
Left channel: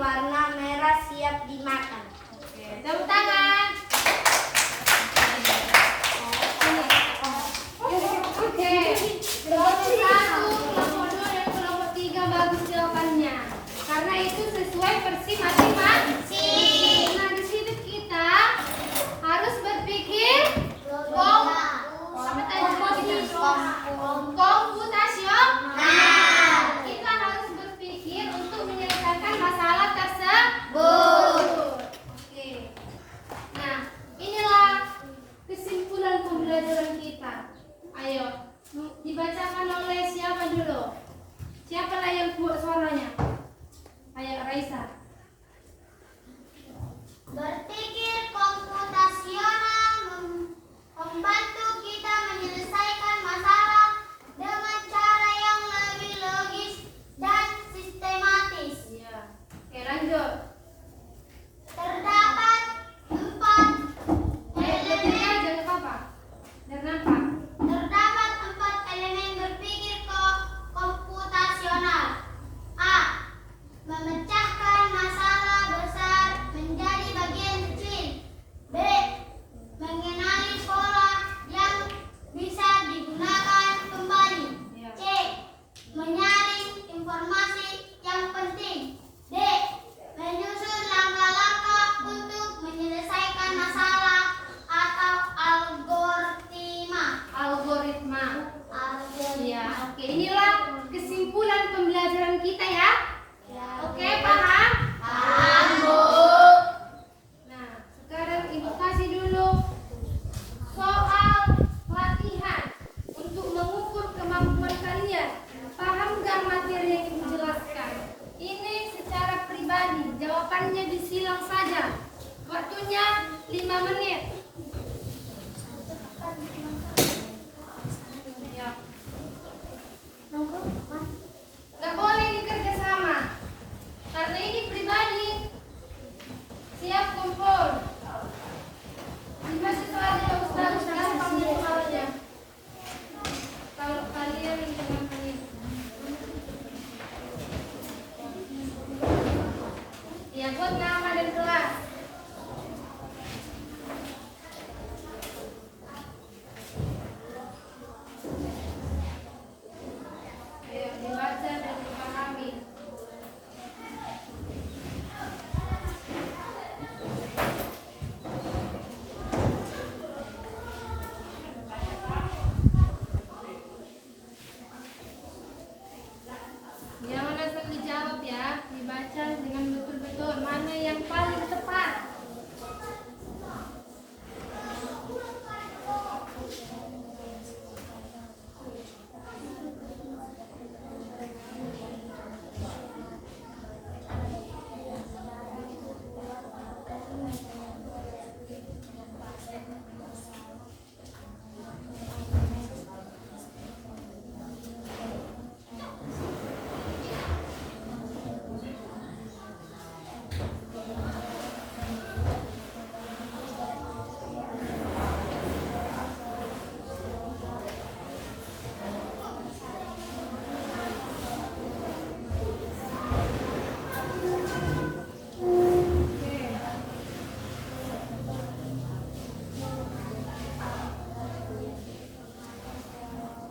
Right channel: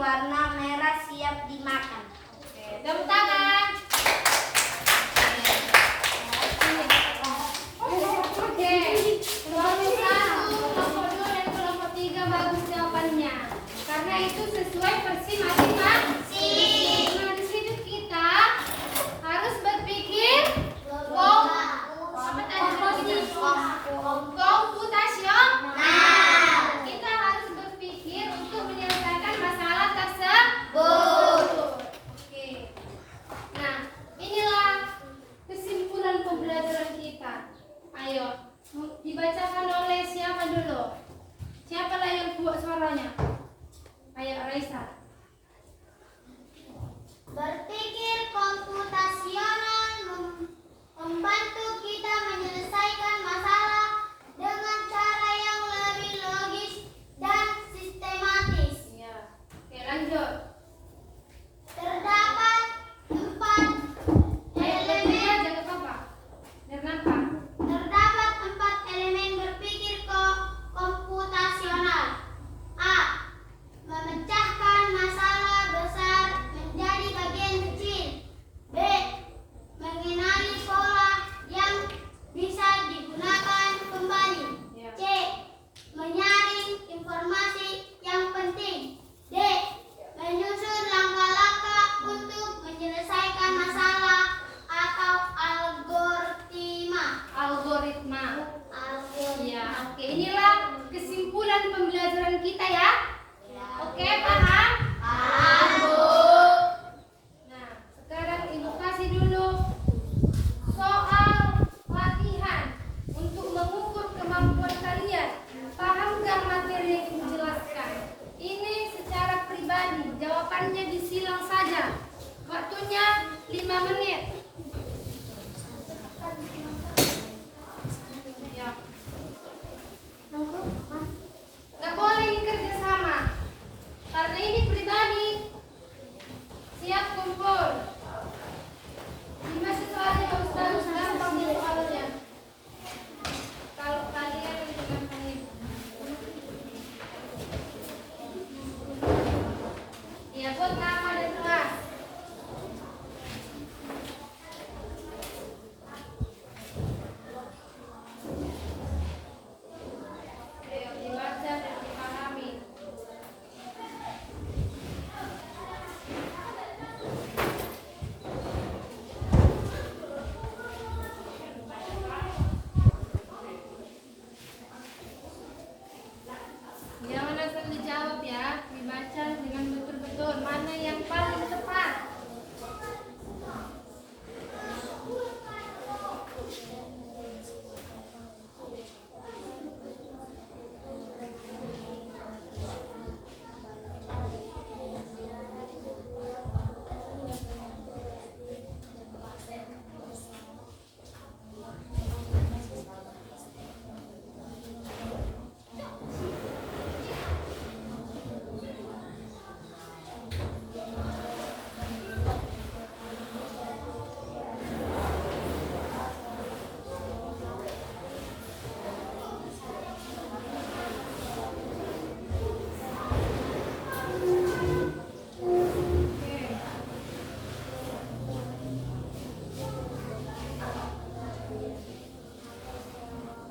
warna merah siap dimakan. Oke, tepuk tangan. Oke, kelompok 1, kelompok 2, dan kelompok 3 bagus jawabannya. Karena itu sesuai versi masing-masing. Nah, di situ kita harus berpikir komputasional. Kita harus berpikir untuk menyelesaikan masalah tersebut. Oke. Nah, inilah kesimpulan pembelajaran kita. Ayo, dibacakan oleh siapa dulu? Siapalah yang kuat suaranya? Ayo, Raisa. Berpikir komputasional membantu kita menyelesaikan masalah dengan cara yang lebih logis dan sistematis. Ya. Oke, lanjut. Terdapat 4 elemen. Jangan apa-apa. Kenapa? Terdapat 4 elemen berpikir komputasional. A. Memecahkan masalah besar menjadi bagian kecil. B. Mengenali pola yang bisa digunakan kembali. C. Menyaring informasi yang penting. D. Menyusun langkah-langkah untuk menyelesaikan masalah atau algoritma. Ya, oke. Inilah kesimpulan pembelajaran kita ya. Oke, paham? Paham, Bu. Nah, sekarang Ibu kasih dulu soal latihan untuk mengukur kemampuan kalian. Paham nggak materi yang Ibu jelaskan? Ini secara pribadi, jawabannya disilang saja. Waktunya 5 menit. Ya. Nggak boleh ini kerjasama. Karena ini pribadi. Siap kumpul. 5 siswa aja sudah panggil soalnya. Kalau kalian dengan kalian. Ya, buat nama dan kelas. Ayo, dibaca dan dipahami. Jangan langsung dijawab ya, dibaca dengan betul-betul mana yang paling tepat.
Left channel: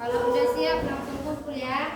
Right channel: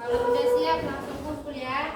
Kalau udah siap langsung kumpul ya.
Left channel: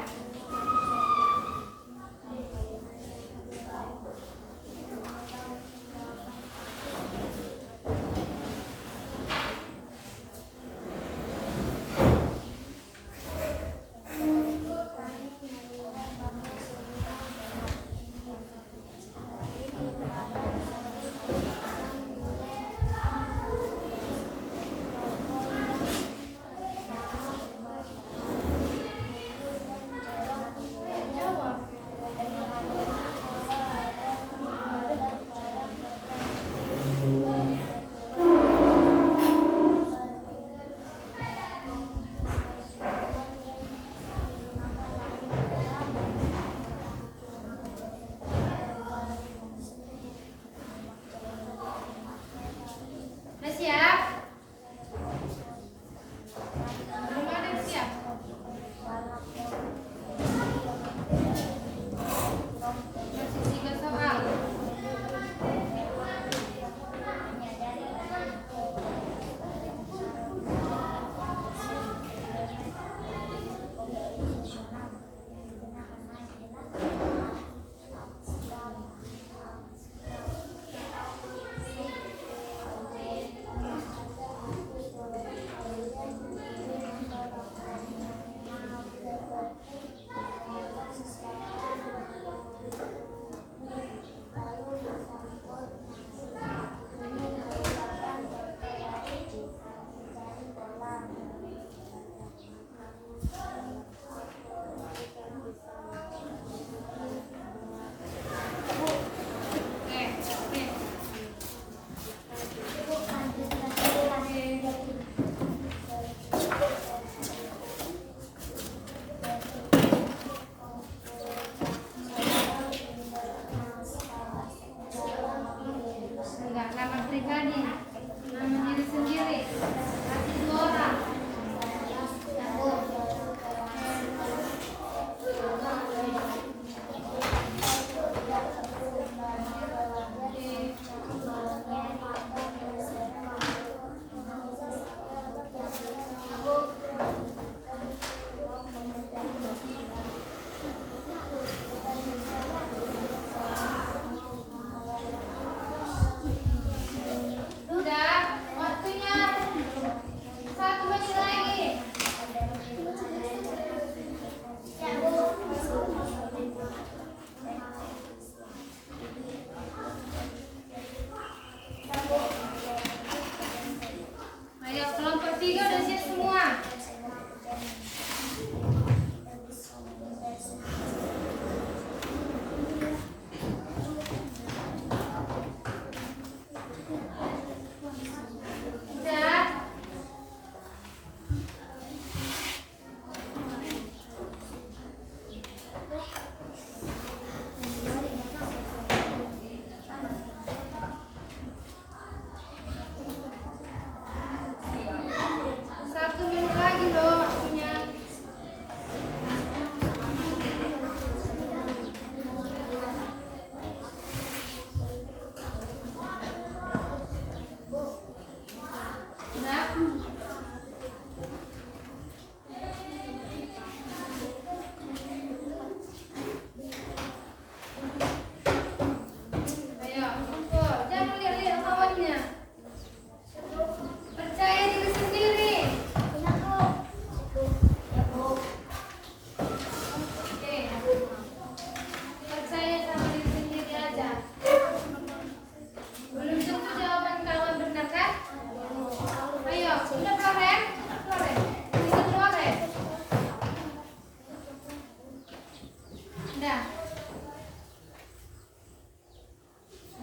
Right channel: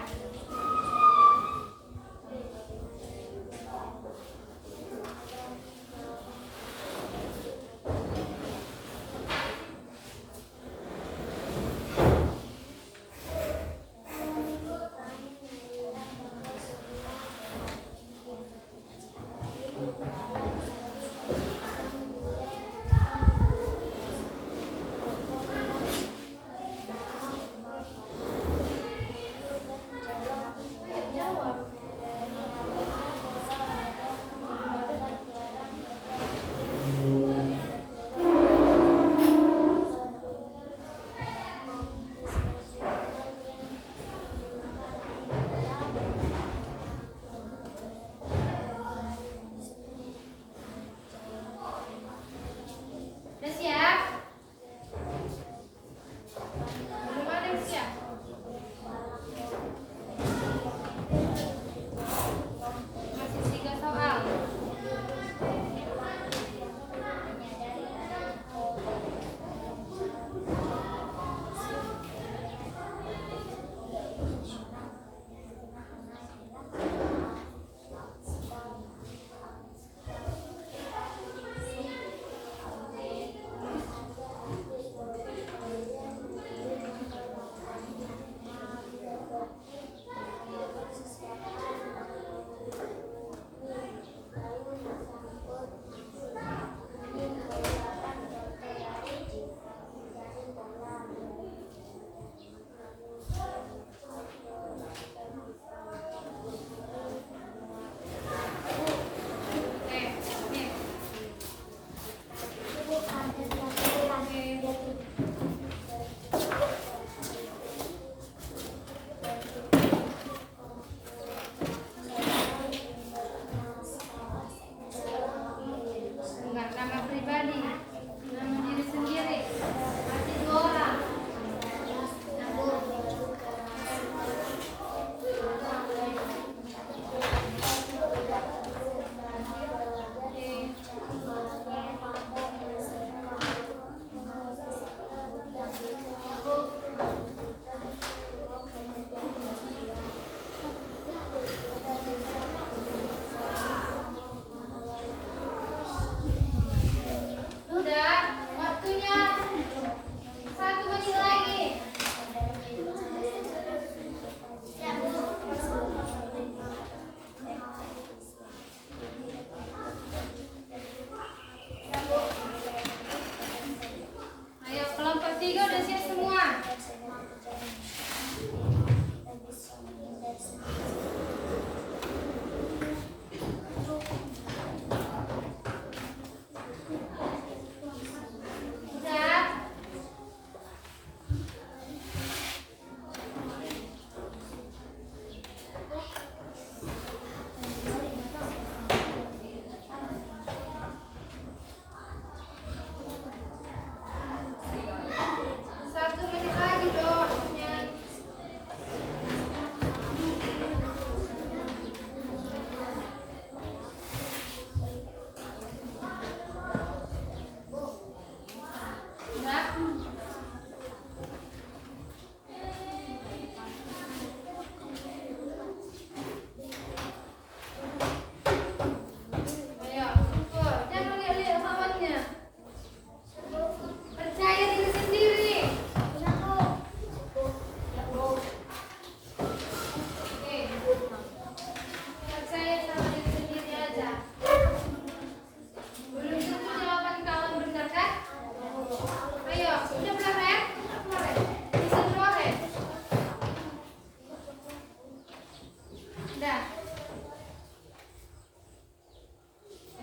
Udah.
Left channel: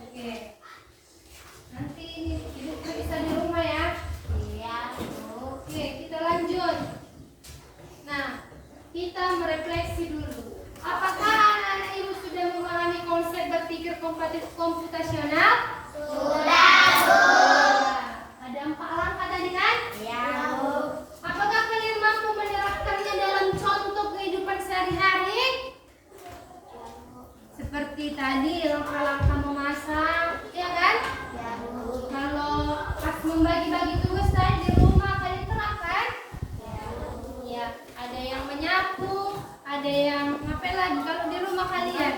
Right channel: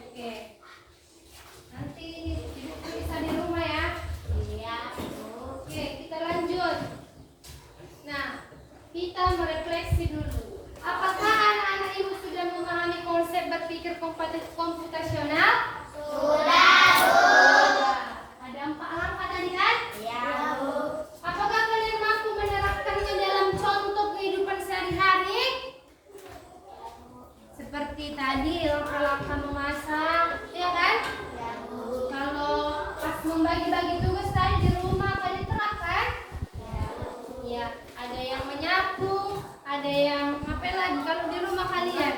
Oke. Nanti ini ibu bisa di rumah ya. Iya. Oke, kita lanjut. Nah, kita merefleksi dulu. Apakah anak-anak ibu sudah memahami konsep berpikir komputasional? Ada 4 langkah tadi kan? Iya. Apakah kalian mampu menerapkannya dalam contoh kehidupan sehari-hari? Seperti tadi langkah-langkah memasak, ya kan? Kalau pas membagi-bagi tugas tadi di rumah kalian terapkan? Ya, ada yang menyapu, ada yang ngapain lagi kalau di rumah kalian?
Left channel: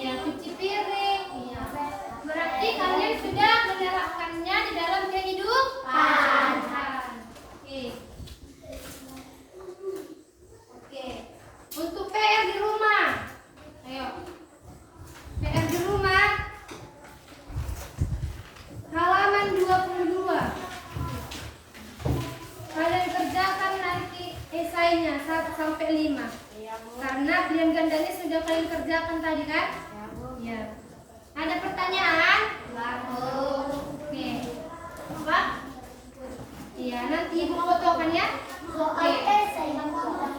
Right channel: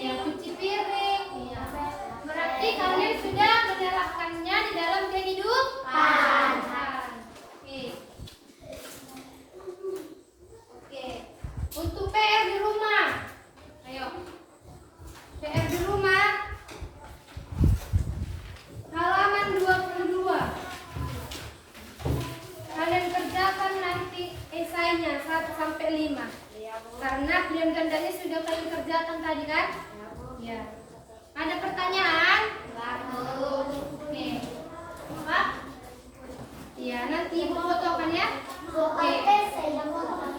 Ya, cuci piring. Ya. Berarti kalian sudah menerapkannya di dalam kehidupan. Oke. Oke. Untuk PR di rumah. Ayo. PR di rumah. Halaman 22. Kalian kerjakan nanti esainya 1 sampai 5. Karena pilihan gandanya sudah kalian kerjakan tadi kan? Ya. Ada pertanyaan? Oke. Pak? Iya, nanti ibu fotokan ya. Oke.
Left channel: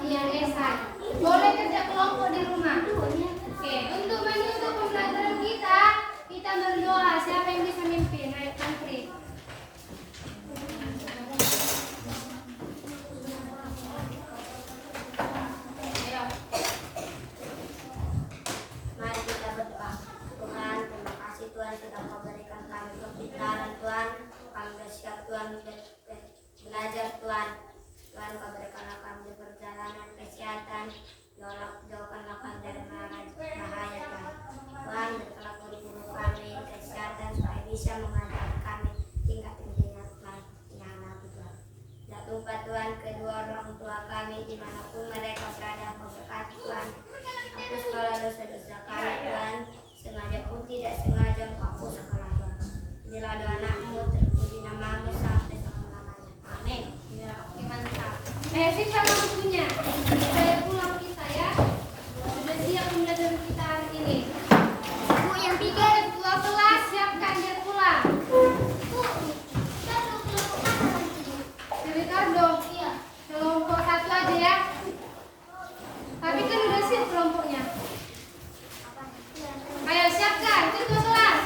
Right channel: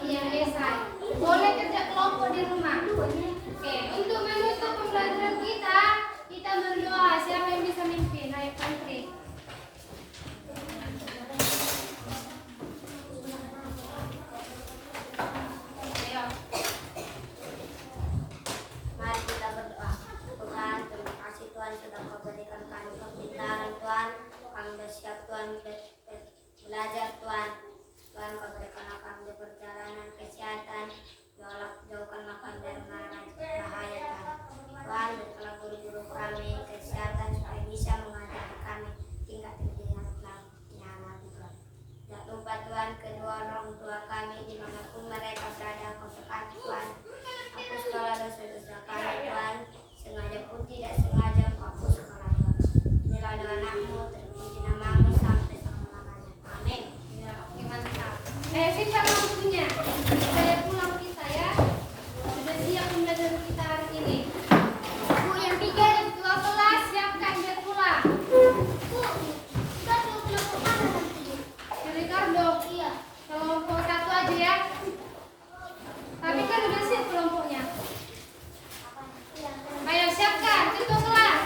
Iya, esai. Boleh kerja kelompok di rumah. Oke, untuk menutup pembelajaran kita berdoa. Siapa yang bisa mimpin? Ayo, Putri. Ayo. Mari kita berdoa. Tuhan, terima kasih Tuhan sudah memberikan kami kepintaran Tuhan. Kami bersiap Tuhan belajar Tuhan. Tuhan kau berikanlah kami perjalanan kesehatan. Jauhkanlah kami dari bahaya Tuhan. Tuhan berikanlah guru-guru kami kesehatan supaya bisa mengajar kami tingkat tingginya nanti Tuhan. Dan tumpah Tuhan kedua orang tua kami dimanapun mereka berada, kau berkati Tuhan. Hapus segala dosa-dosa kami Tuhan, sengaja pun tidak sengaja kau hapus segala Tuhan. Inilah doa anakmu, terpuji namamu sampai selama-lamanya. Amin. Ya, oke, mantap. Sip sama bukunya. Saya pulang kita ya. Sudah siap pembelajaran kita hari ini. Bu yang 12 siapkan dia pulang. Si Ricardo. Iya. Kelompok 1 aja ya. Tapi kan udah siap kelompoknya. Ayo siapkan, ketua kelas.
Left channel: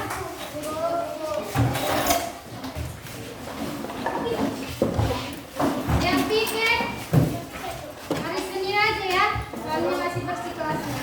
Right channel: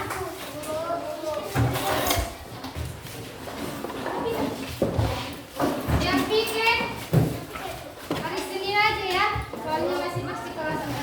Yang pikir hari Senin aja ya, soalnya masih bersih kelasnya.